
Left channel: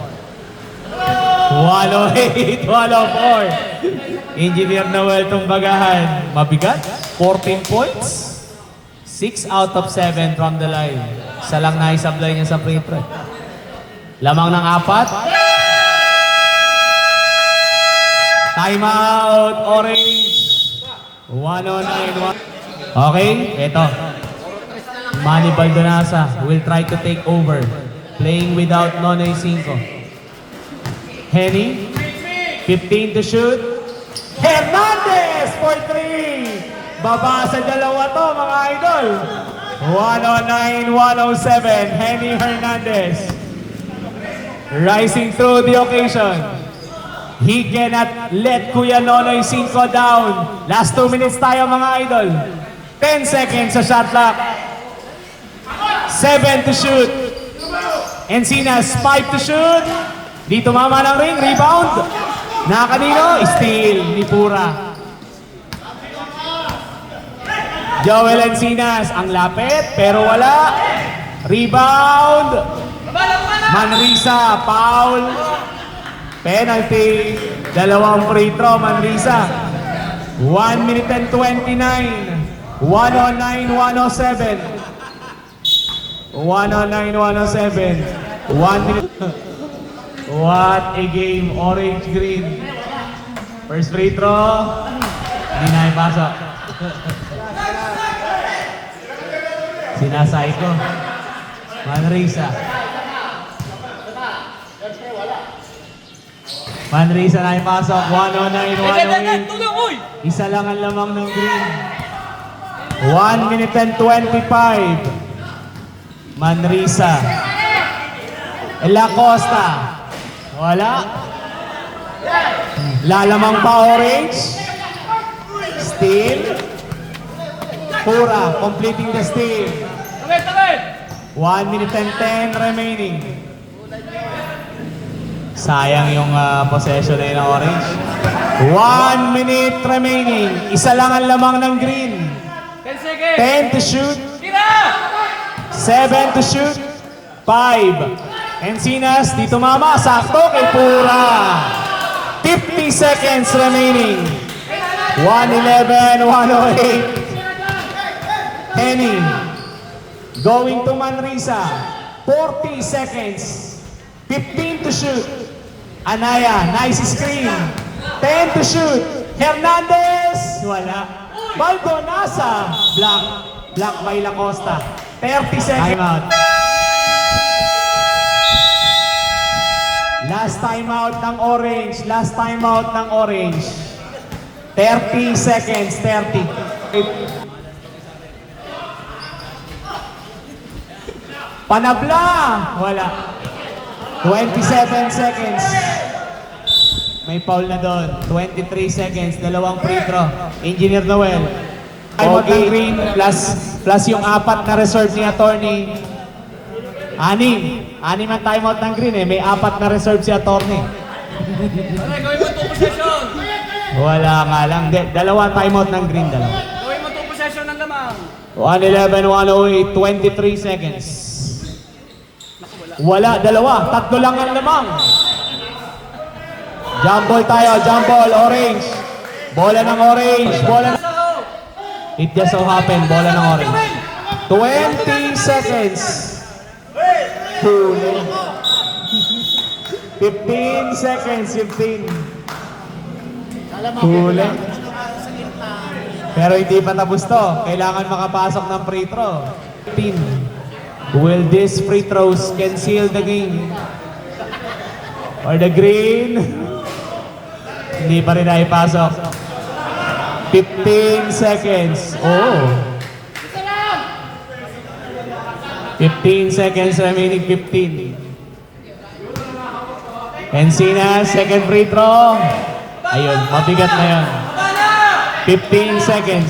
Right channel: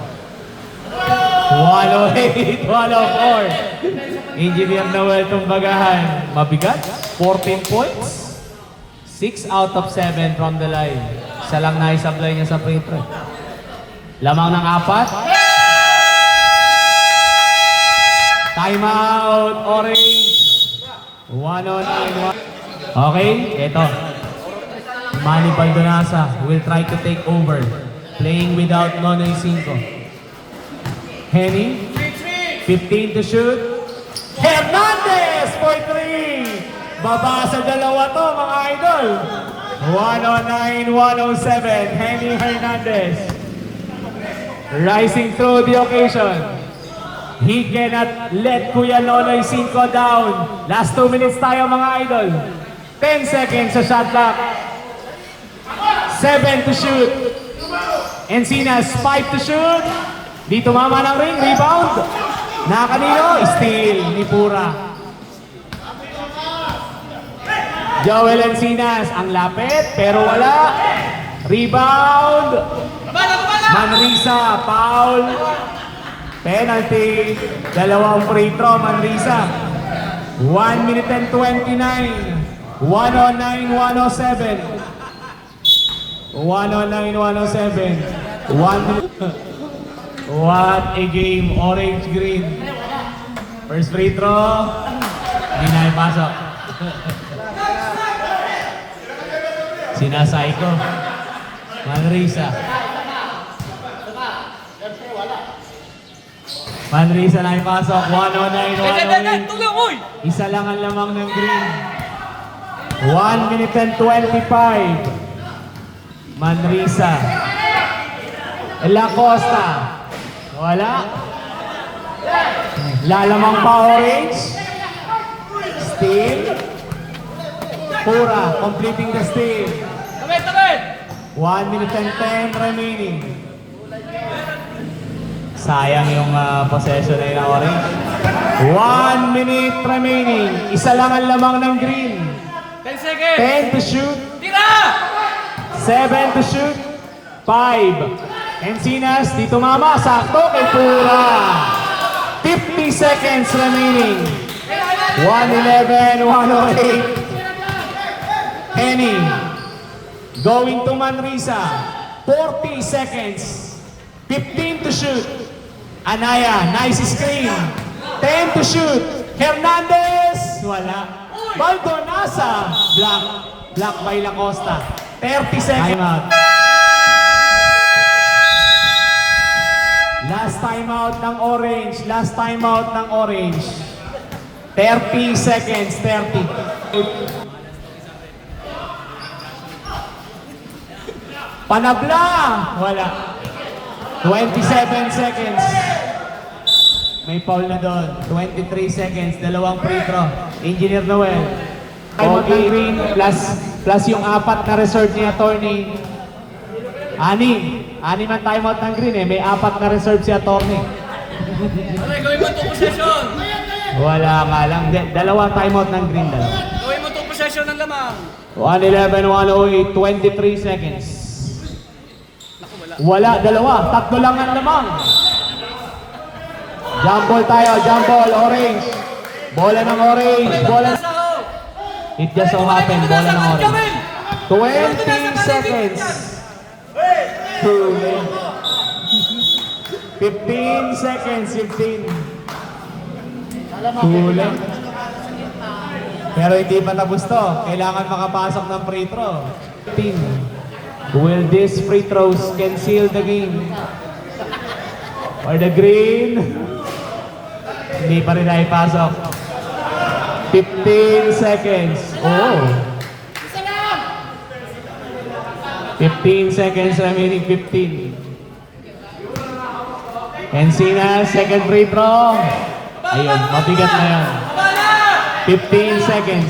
108-104. Engineer Noel itong bagahan. Mabigat. 14 points. 6 out of 7 from the line. Isa lang na isablay niya sa free throw. Lamang ng 4. Time out, Orange. 109. Okay, eto. Manny Baldonasa will try to take over. Playing without Nonoy 5. Henny, 15 to shoot. Hernandez for 3. Baba sa dalawa to, mga idol. 109-107. Henny Hernandez. Rising through the occasion. He cannot let Kuya Nonoy 5 down. Last 2 minutes tayo, mga idol. 10 seconds sa shot clock. 7 to shoot. Encinas, 5 to shoot. Dito mama ng ring, rebound. Nakanino, steal ni Pura. Joel Encinas, ang lapit, pero wala. Rebound. Manrisa, foul. Penalty. Dalawang free throw, Manrisa. 1 minute and 29. 109-107. 109-107. 1 minute. What a game, Orange Green. First free throw. Hindi na ipasok. Sinasay ko. Manrisa. Manrisa na ipasok. 109-108. Isa lang ang lamang ng Green. 1 minute and 25. Manrisa. Lacosta. Wala. Lalamang pa Orange. Steal. Pura, completing the steal. 1 minute and 10 remaining. Sayang yung possession na yun ng Orange. 1 minute remaining. Isa lang ang lamang ng Green. 10 seconds. 10 to shoot. 7 to shoot. 5. Encinas, dito mama, sakto kay Pura. 50 seconds remaining. 111-108. Henny. Going to Manrisa. 40 seconds. 15 to shoot. Anaya, nice screen. 10 to shoot. Hernandez, wala. Baldonasa, block by Lacosta. 30 seconds. Timeout. Last timeout ng Orange. Last timeout ng Orange. 30 seconds. 30. Panabla! Wala. 27 seconds. May foul na doon. 23 seconds. Dalawang free throw. Engineer Noel. Timeout ng Green plus yung 4 na reserve ni Attorney. Ani man timeout ng Green eh. May 4 na reserve si Attorney. Pare, gawin mo 2 possession. Wala nga lang. Dalawa timeout ng green dalawa. Gawin mo itong possession ng lamang. 1:11, 1:08, 23 seconds. Wala, dalawa. Tatlo lang ang lamang. Jump ball tayo, jump ball, orange. Bola ng orange, bola. It just so happened, bola ng orange. 20 seconds. 15 seconds, 15. Huli. Pero hindi pa tapos to. Kailangan makapasok ng free throw. 15. Will these free throws can seal the game? Or the green? Hindi pa rin naipasok. 15 seconds. Oh. 15 seconds remaining, 15. Encina, second free throw. Ayun, mabigat na yan. 15 seconds.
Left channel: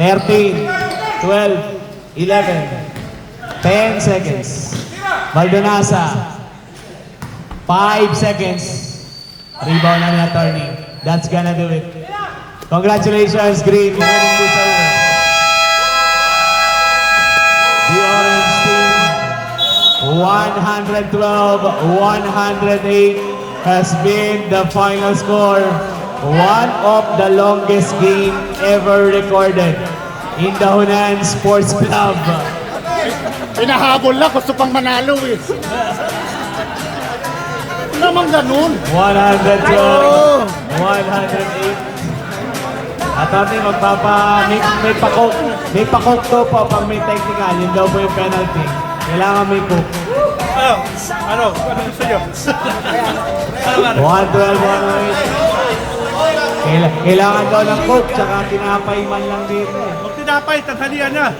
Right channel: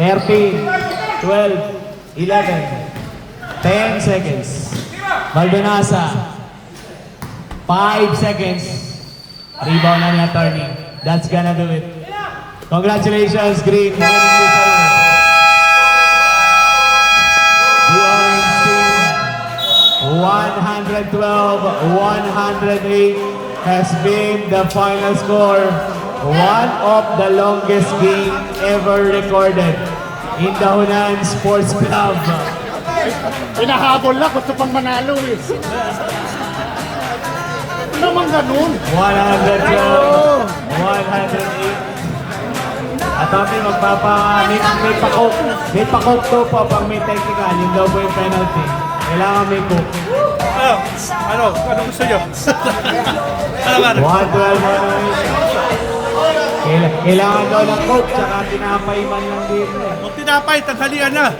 13, 12, 11, 10 seconds. Maldonasa. 5 seconds. Rebound na ni attorney. That's gonna do it. Congratulations, Green. Winning this over. The Orange team, 112-108 has been the final score. One of the longest game ever recorded in the Hunan Sports Club. Pinahabol lang, gusto pang manalo eh. Hindi naman ganun. 112, 108. At kami may pa-coke to pa pag may technical, yun daw po yung penalty. Kailangan may coke. Ano gusto nyo? 112, 108. Kailangan daw ng coke, tsaka tinapay man lang dito. Huwag tinapay, tanghalian na.